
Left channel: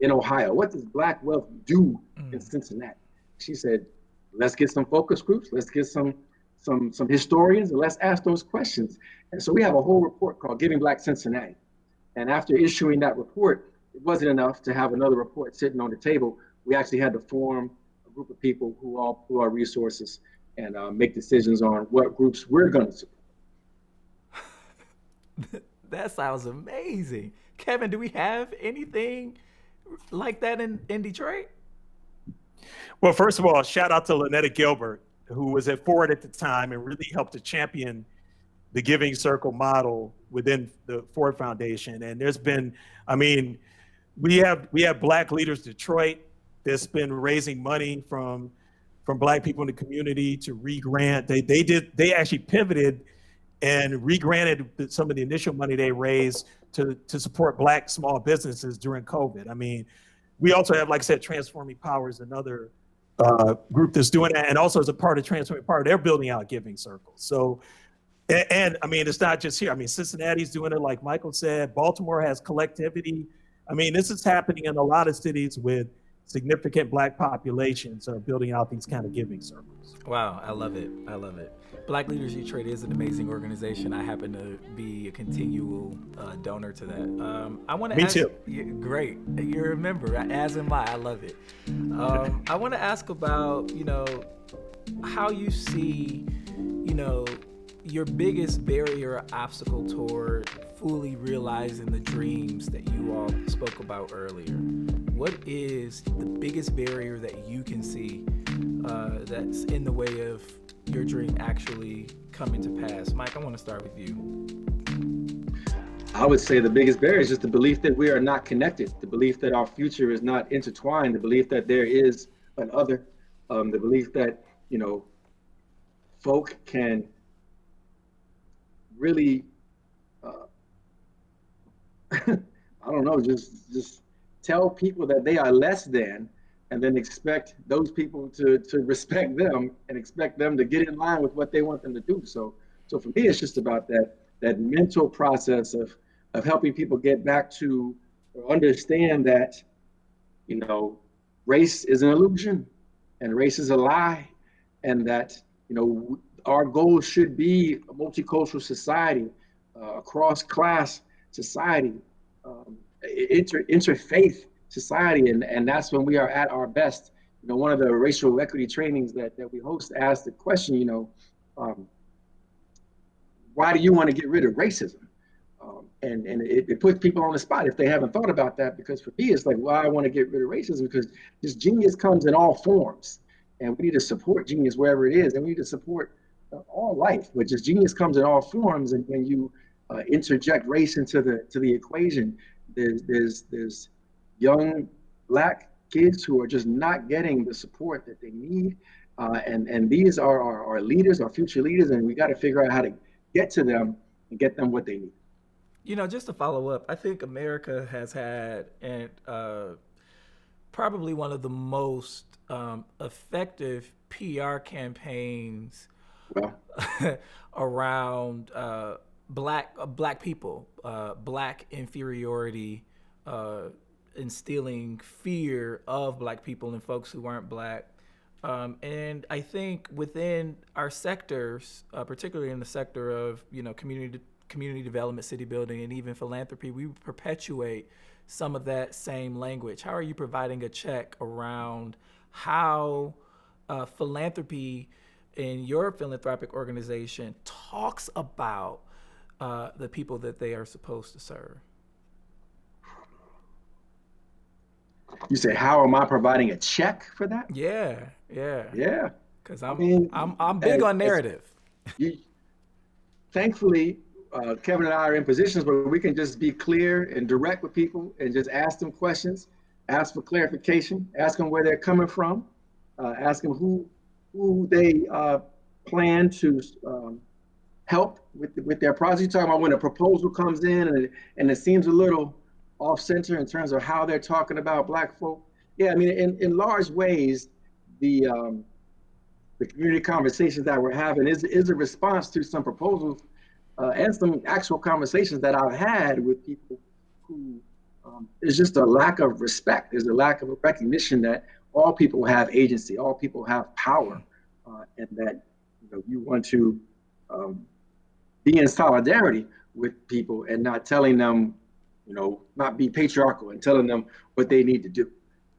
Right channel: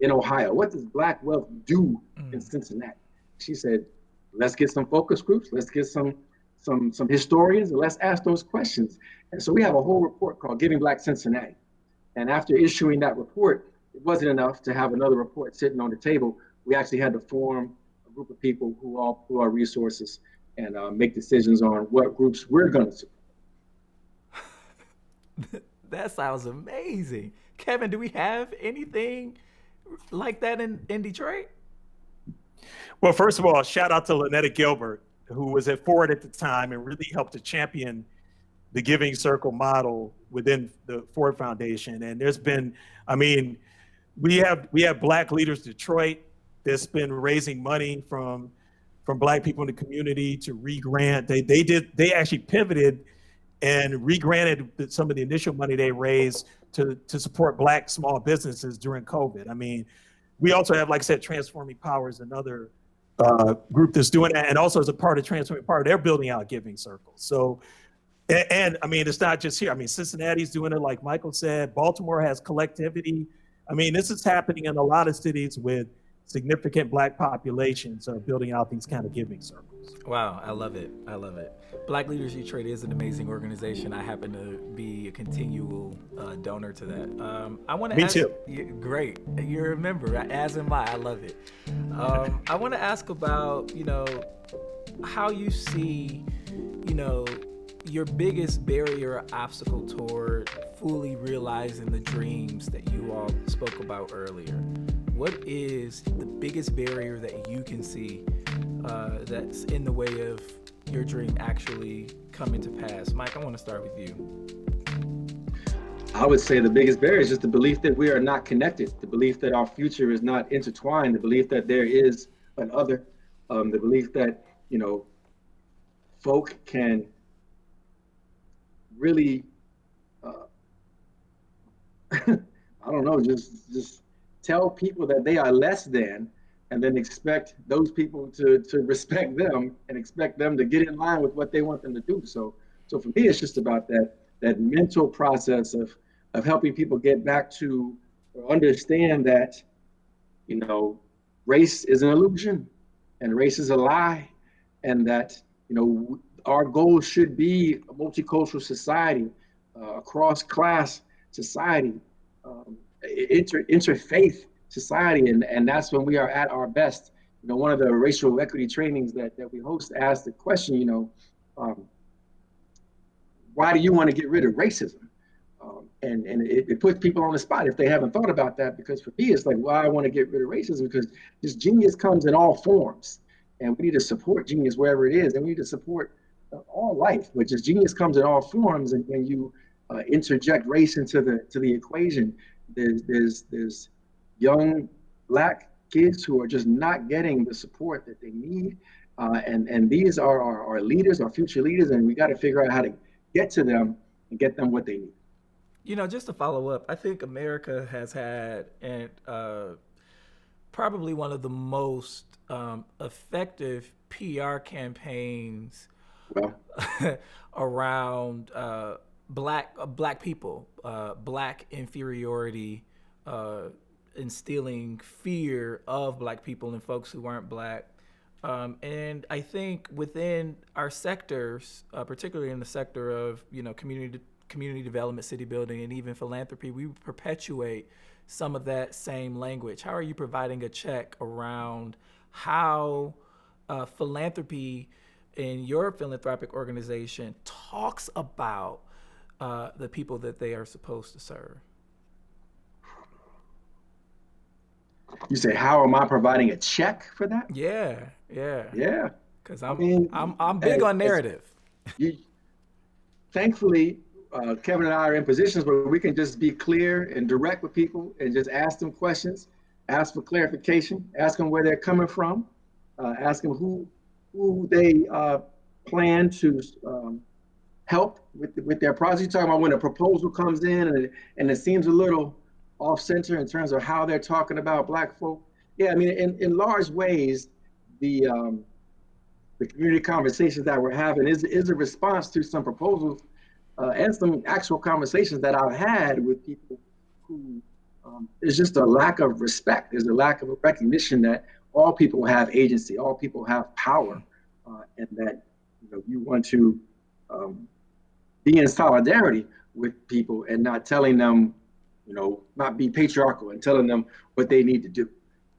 in Ohio? What does Black wealth do in Cincinnati? She said, let's get some focus groups. Let's get some historians, and let's ask those questions. And so we have a whole report called Giving Black Cincinnati. And after issuing that report, it wasn't enough to have another report sitting on the table. We actually had to form a group of people who all pool our resources and make decisions on what groups we're going to support. That sounds amazing. Kevin, do we have anything like that in Detroit? Well, first of all, shout out to Lynetta Gilbert, who was at Ford at the time and really helped to champion the Giving Circle model within the Ford Foundation. And there's been, I mean, we have Black Leaders Detroit that's been raising money from Black people in the community to re-grant. They actually pivoted and re-granted some of the initial money they raised to support Black small businesses during COVID. I mean, we also have, like I said, Transforming Powers, another group that's doing that. And also as a part of Transforming Power, they're building out giving circles. So, and I mean, it's not just here. I mean, Cincinnati's doing it, like Michael said. Baltimore has collectivity. I mean, this is happening in a lot of cities with significant Black populations are building out these kind of giving circles. Wow, I love it. I love it. Black Leaders Detroit is an amazing organization. I happen to be a continual donor to that. I want to ask. Me too. Great, you're a member, as am I. I love it. I want to ask about, how you see, your biggest barrier or obstacle toward fully realizing the dreams that you all spoke about earlier. What is the biggest barrier that you can see that's in the way of your dream actually coming to pass? Mike, I want to start with you. I would say the biggest barrier is just the belief that we are not connected, the belief that our future is not intertwined, the belief that there is an other, the belief that, folk can really, I don't know, just tell people that they are less than, and then expect those people to respect them and expect them to get in line with what they want them to do. So for me, it's just about that mental process of helping people get back to or understand that, race is an illusion and race is a lie, and that, our goal should be a multicultural society, cross-class society, interfaith society, and that's when we are at our best. One of the racial equity trainings that we host asked the question, why do you want to get rid of racism? And it puts people on the spot if they haven't thought about that, because for me, it's like, well, I want to get rid of racism because this genius comes in all forms, and we need to support genius wherever it is, and we need to support all life, but just genius comes in all forms. And when you interject race into the equation, there's young Black kids who are just not getting the support that they need, and these are our leaders, our future leaders, and we got to figure out how to get to them and get them what they need. Just to follow up, I think America has had probably one of the most effective PR campaigns around black people, Black inferiority, instilling fear of Black people and folks who aren't Black. And I think within our sectors, particularly in the sector of community development, city building, and even philanthropy, we perpetuate some of that same language. How are you providing a check around how philanthropy in your philanthropic organization talks about the people that they are supposed to serve? You say, how am I providing a check for that? Yeah, yeah. Yeah. Because I mean, I'm big on narrative. you, thankfully, Kevin and I are in positions where we can just be clear and direct with people and just ask them questions, ask for clarification, ask them where they're coming from, ask them who they plan to help with their project. You're talking about when a proposal comes in and it seems a little off center in terms of how they're talking about Black folk. Yeah, I mean, in large ways, the community conversations that we're having is a response to some proposals and some actual conversations that I've had with people who there's just a lack of respect. There's a lack of a recognition that all people have agency, all people have power, and that you want to be in solidarity with people and not telling them, not be patriarchal and telling them what they need to do.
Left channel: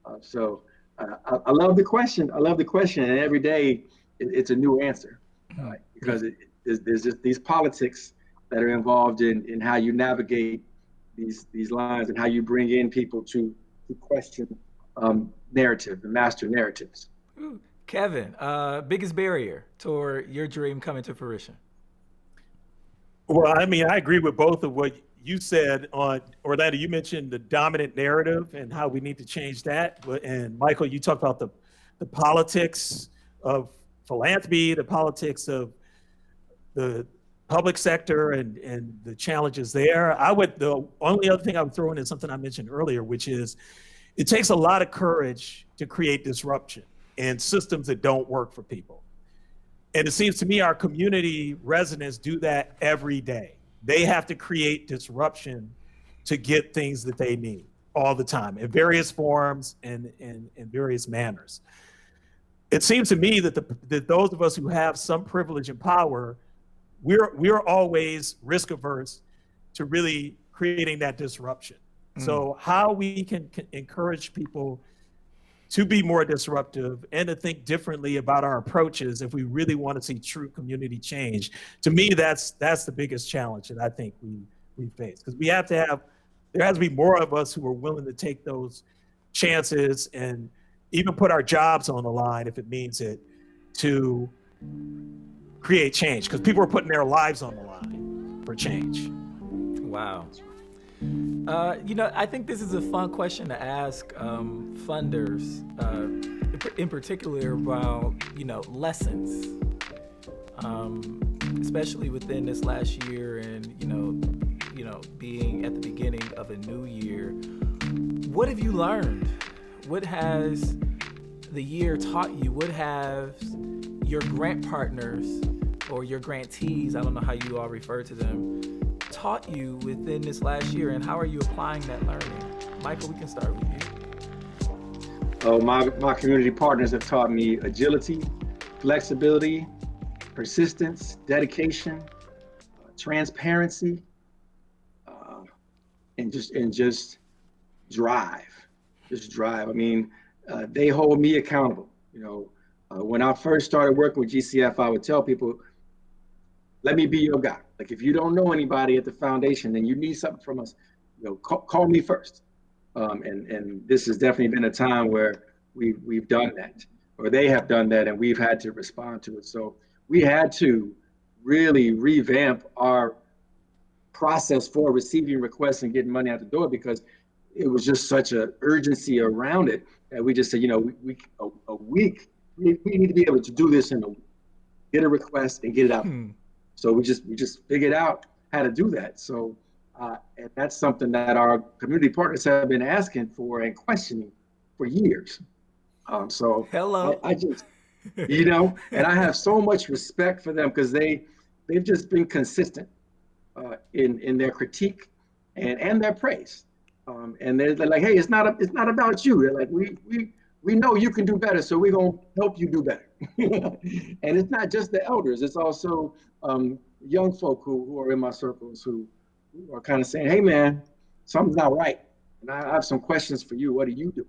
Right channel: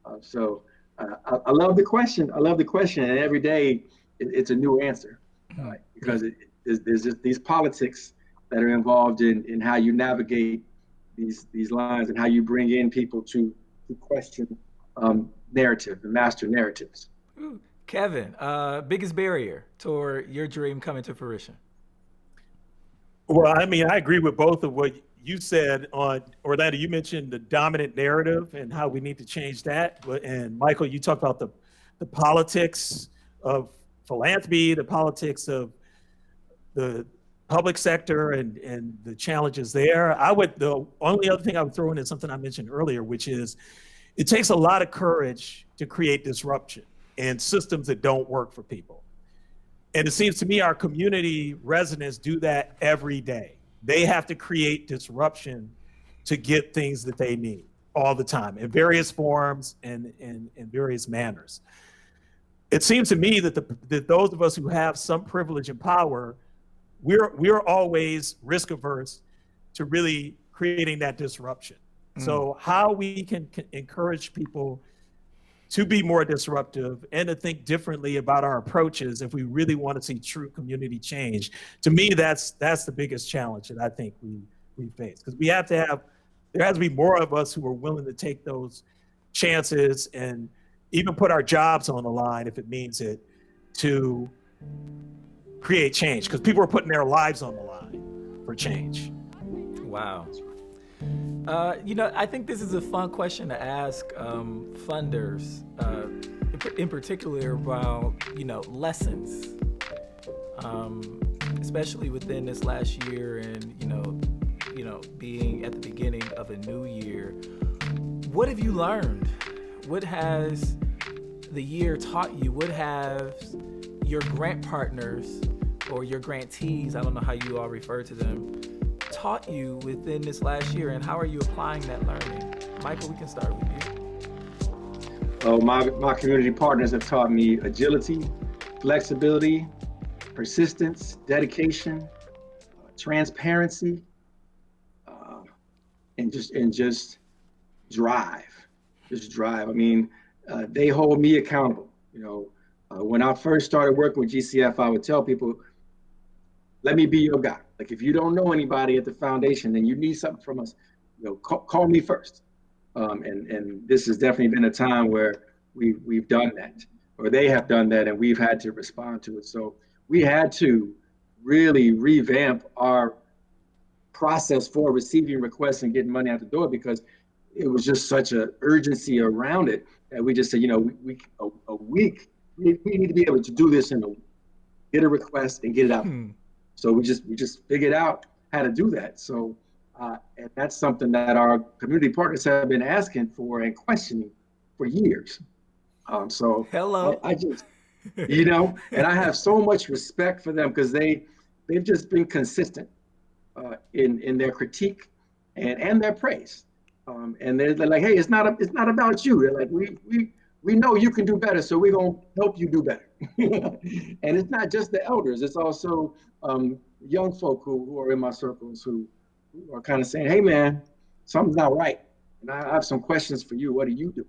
I love the question. I love the question, and every day it's a new answer because there's just these politics that are involved in how you navigate these lines and how you bring in people to question narrative and master narratives. Ooh. Kevin, biggest barrier toward your dream coming to fruition? Well, I mean, I agree with both of what you said on Orlando. You mentioned the dominant narrative and how we need to change that. And Michael, you talked about the politics of philanthropy, the politics of the public sector and the challenges there. The only other thing I would throw in is something I mentioned earlier, which is it takes a lot of courage to create disruption in systems that don't work for people. And it seems to me our community residents do that every day. They have to create disruption to get things that they need all the time in various forms and in various manners. It seems to me that those of us who have some privilege and power, we're always risk averse to really creating that disruption. So how we can encourage people to be more disruptive and to think differently about our approaches if we really want to see true community change. To me, that's the biggest challenge that I think we face, because there has to be more of us who are willing to take those chances and even put our jobs on the line if it means it to create change, because people are putting their lives on the line for change. Wow. I think this is a fun question to ask funders, in particular about, lessons, especially within this last year and, being at the beginning of a new year. What have you learned? What has the year taught you? What have your grant partners or your grantees, I don't know how you all refer to them, taught you within this last year, and how are you applying that learning? Michael, we can start with you. Oh, my community partners have taught me agility, flexibility, persistence, dedication, transparency, and just drive. Just drive. I mean, they hold me accountable. When I first started working with GCF, I would tell people, let me be your guy. Like, if you don't know anybody at the foundation and you need something from us, call me first. And this has definitely been a time where we've done that, or they have done that, and we've had to respond to it. So we had to really revamp our process for receiving requests and getting money out the door, because it was just such an urgency around it that we just said, a week, we need to be able to do this in a week, get a request and get it out. So we just figured out how to do that. So and that's something that our community partners have been asking for and questioning for years. So hello, I just, and I have so much respect for them, because they've just been consistent in their critique and their praise. And they're like, hey, it's not about you. They're like, we know you can do better, so we're gonna help you do better. And it's not just the elders; it's also young folk who are in my circles who are kind of saying, "Hey, man, something's not right, and I have some questions for you. What do you do?"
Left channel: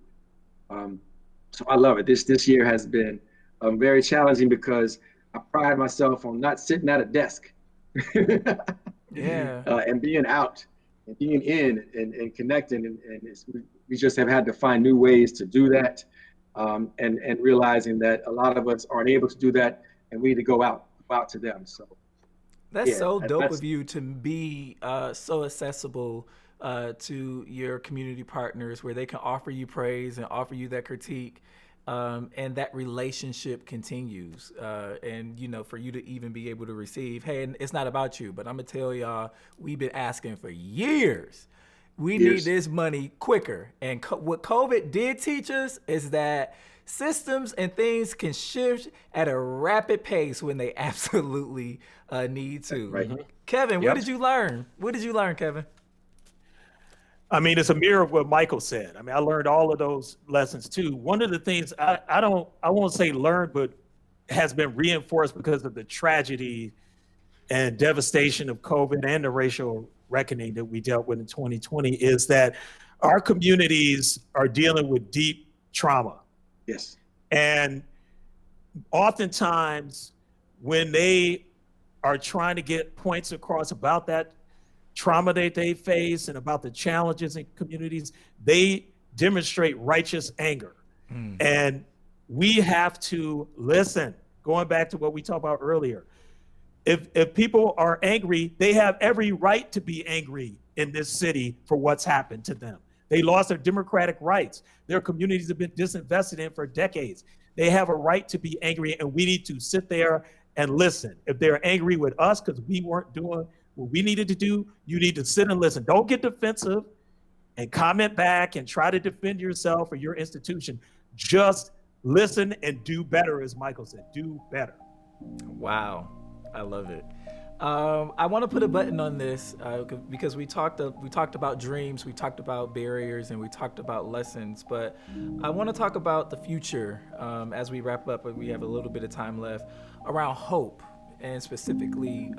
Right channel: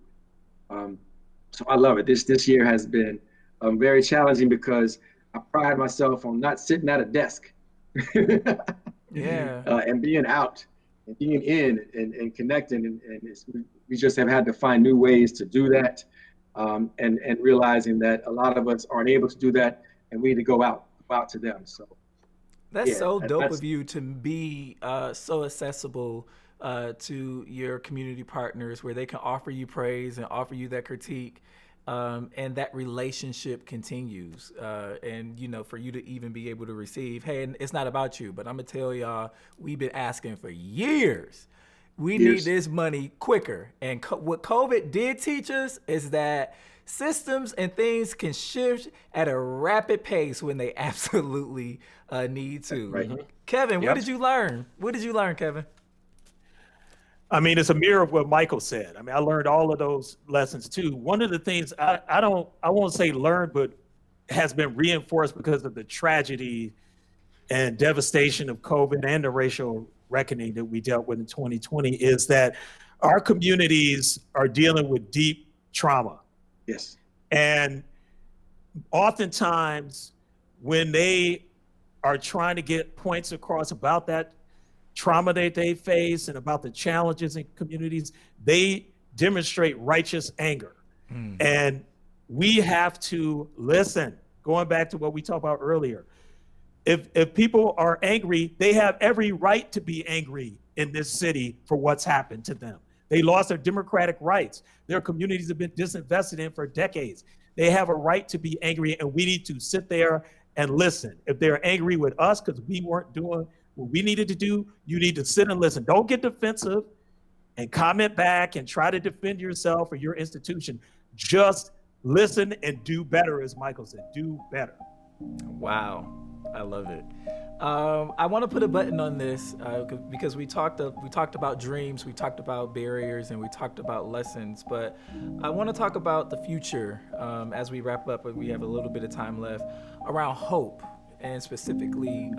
So I love it. This year has been very challenging, because I pride myself on not sitting at a desk, yeah, and being out and being in and connecting. We just have had to find new ways to do that, and realizing that a lot of us aren't able to do that, and we need to go out to them. So That's yeah, so dope that's of you to be so accessible to your community partners where they can offer you praise and offer you that critique. And that relationship continues. And, for you to even be able to receive, hey, and it's not about you, but I'm going to tell y'all, we've been asking for years. We need this money quicker. And what COVID did teach us is that systems and things can shift at a rapid pace when they absolutely need to. right. Kevin, Yep. what did you learn? What did you learn, Kevin? I mean, it's a mirror of what Michael said. I mean, I learned all of those lessons too. One of the things I won't say learned, but has been reinforced because of the tragedy and devastation of COVID and the racial reckoning that we dealt with in 2020 is that our communities are dealing with deep trauma. Yes. And oftentimes when they are trying to get points across about that trauma that they face and about the challenges in communities, they demonstrate righteous anger. And we have to listen, going back to what we talked about earlier. If people are angry, they have every right to be angry in this city for what's happened to them. They lost their democratic rights. Their communities have been disinvested in for decades. They have a right to be angry, and we need to sit there and listen. If they're angry with us because we weren't doing what we needed to do, you need to sit and listen. Don't get defensive and comment back and try to defend yourself or your institution. Just listen and do better, as Michael said. Do better. Wow, I love it. I want to put a button on this because we talked about dreams, we talked about barriers, and we talked about lessons. But I want to talk about the future as we wrap up. We have a little bit of time left around hope, and specifically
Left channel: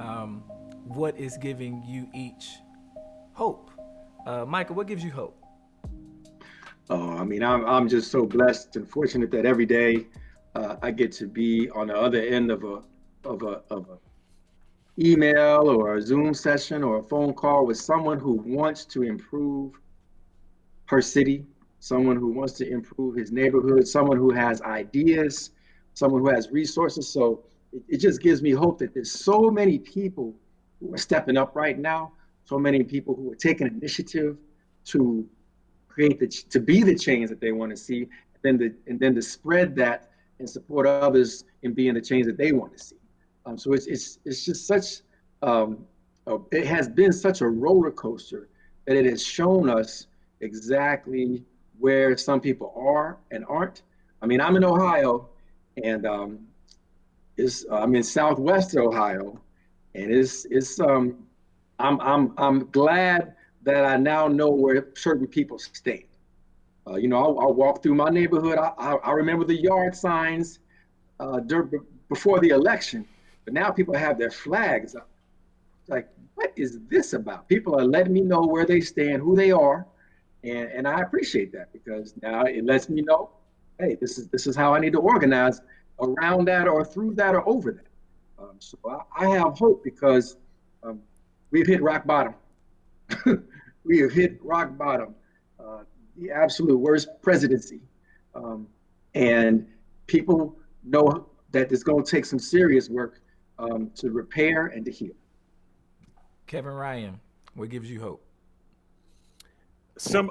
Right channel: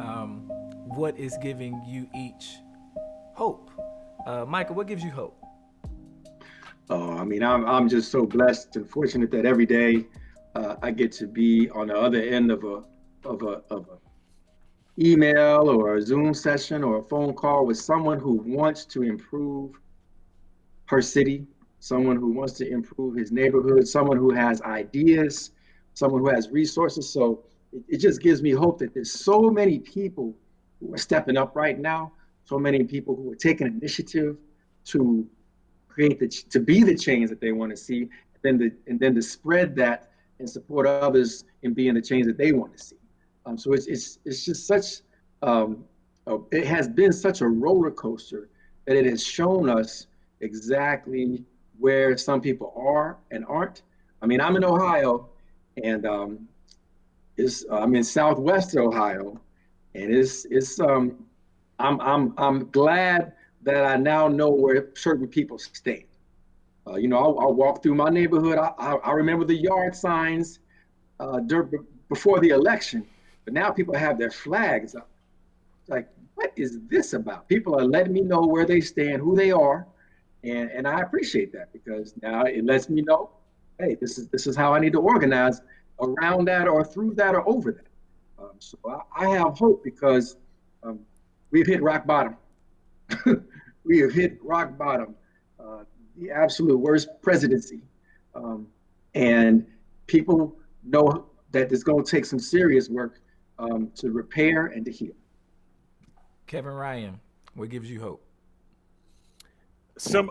what is giving you each hope. Michael, what gives you hope? Oh, I mean, I'm just so blessed and fortunate that every day I get to be on the other end of a email or a Zoom session or a phone call with someone who wants to improve her city, someone who wants to improve his neighborhood, someone who has ideas, someone who has resources. So it just gives me hope that there's so many people who are stepping up right now, so many people who are taking initiative to to be the change that they want to see, and then to spread that and support others in being the change that they want to see. So it's just such it has been such a roller coaster that it has shown us exactly where some people are and aren't. I mean, I'm in Ohio, and I'm in Southwest Ohio, and I'm glad that I now know where certain people stand. I'll walk through my neighborhood. I remember the yard signs before the election, but now people have their flags up. It's like, what is this about? People are letting me know where they stand, who they are, and I appreciate that because now it lets me know, hey, this is how I need to organize around that or through that or over that. So I have hope because we've hit rock bottom. We have hit rock bottom, the absolute worst presidency. And people know that it's going to take some serious work to repair and to heal. Kevin Ryan, what gives you hope?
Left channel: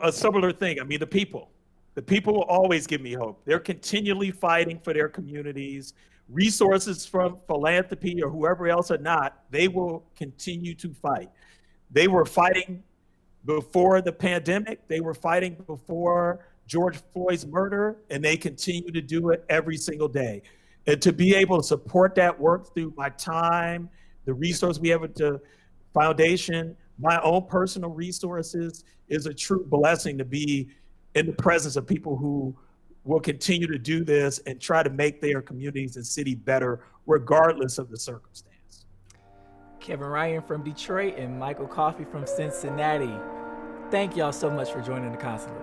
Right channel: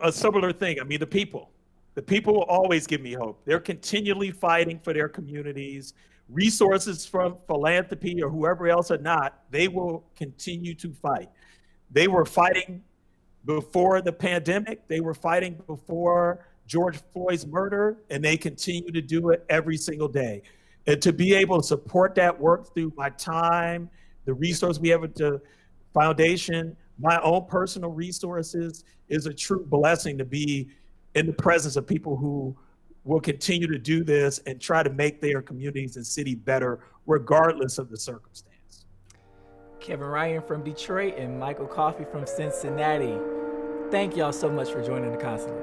A similar thing. I mean, the people will always give me hope. They're continually fighting for their communities. Resources from philanthropy or whoever else or not, they will continue to fight. They were fighting before the pandemic. They were fighting before George Floyd's murder, and they continue to do it every single day. And to be able to support that work through my time, the resource we have at the foundation, my own personal resources, is a true blessing to be in the presence of people who will continue to do this and try to make their communities and city better, regardless of the circumstance. Kevin Ryan from Detroit and Michael Coffey from Cincinnati. Thank y'all so much for joining the Consulate.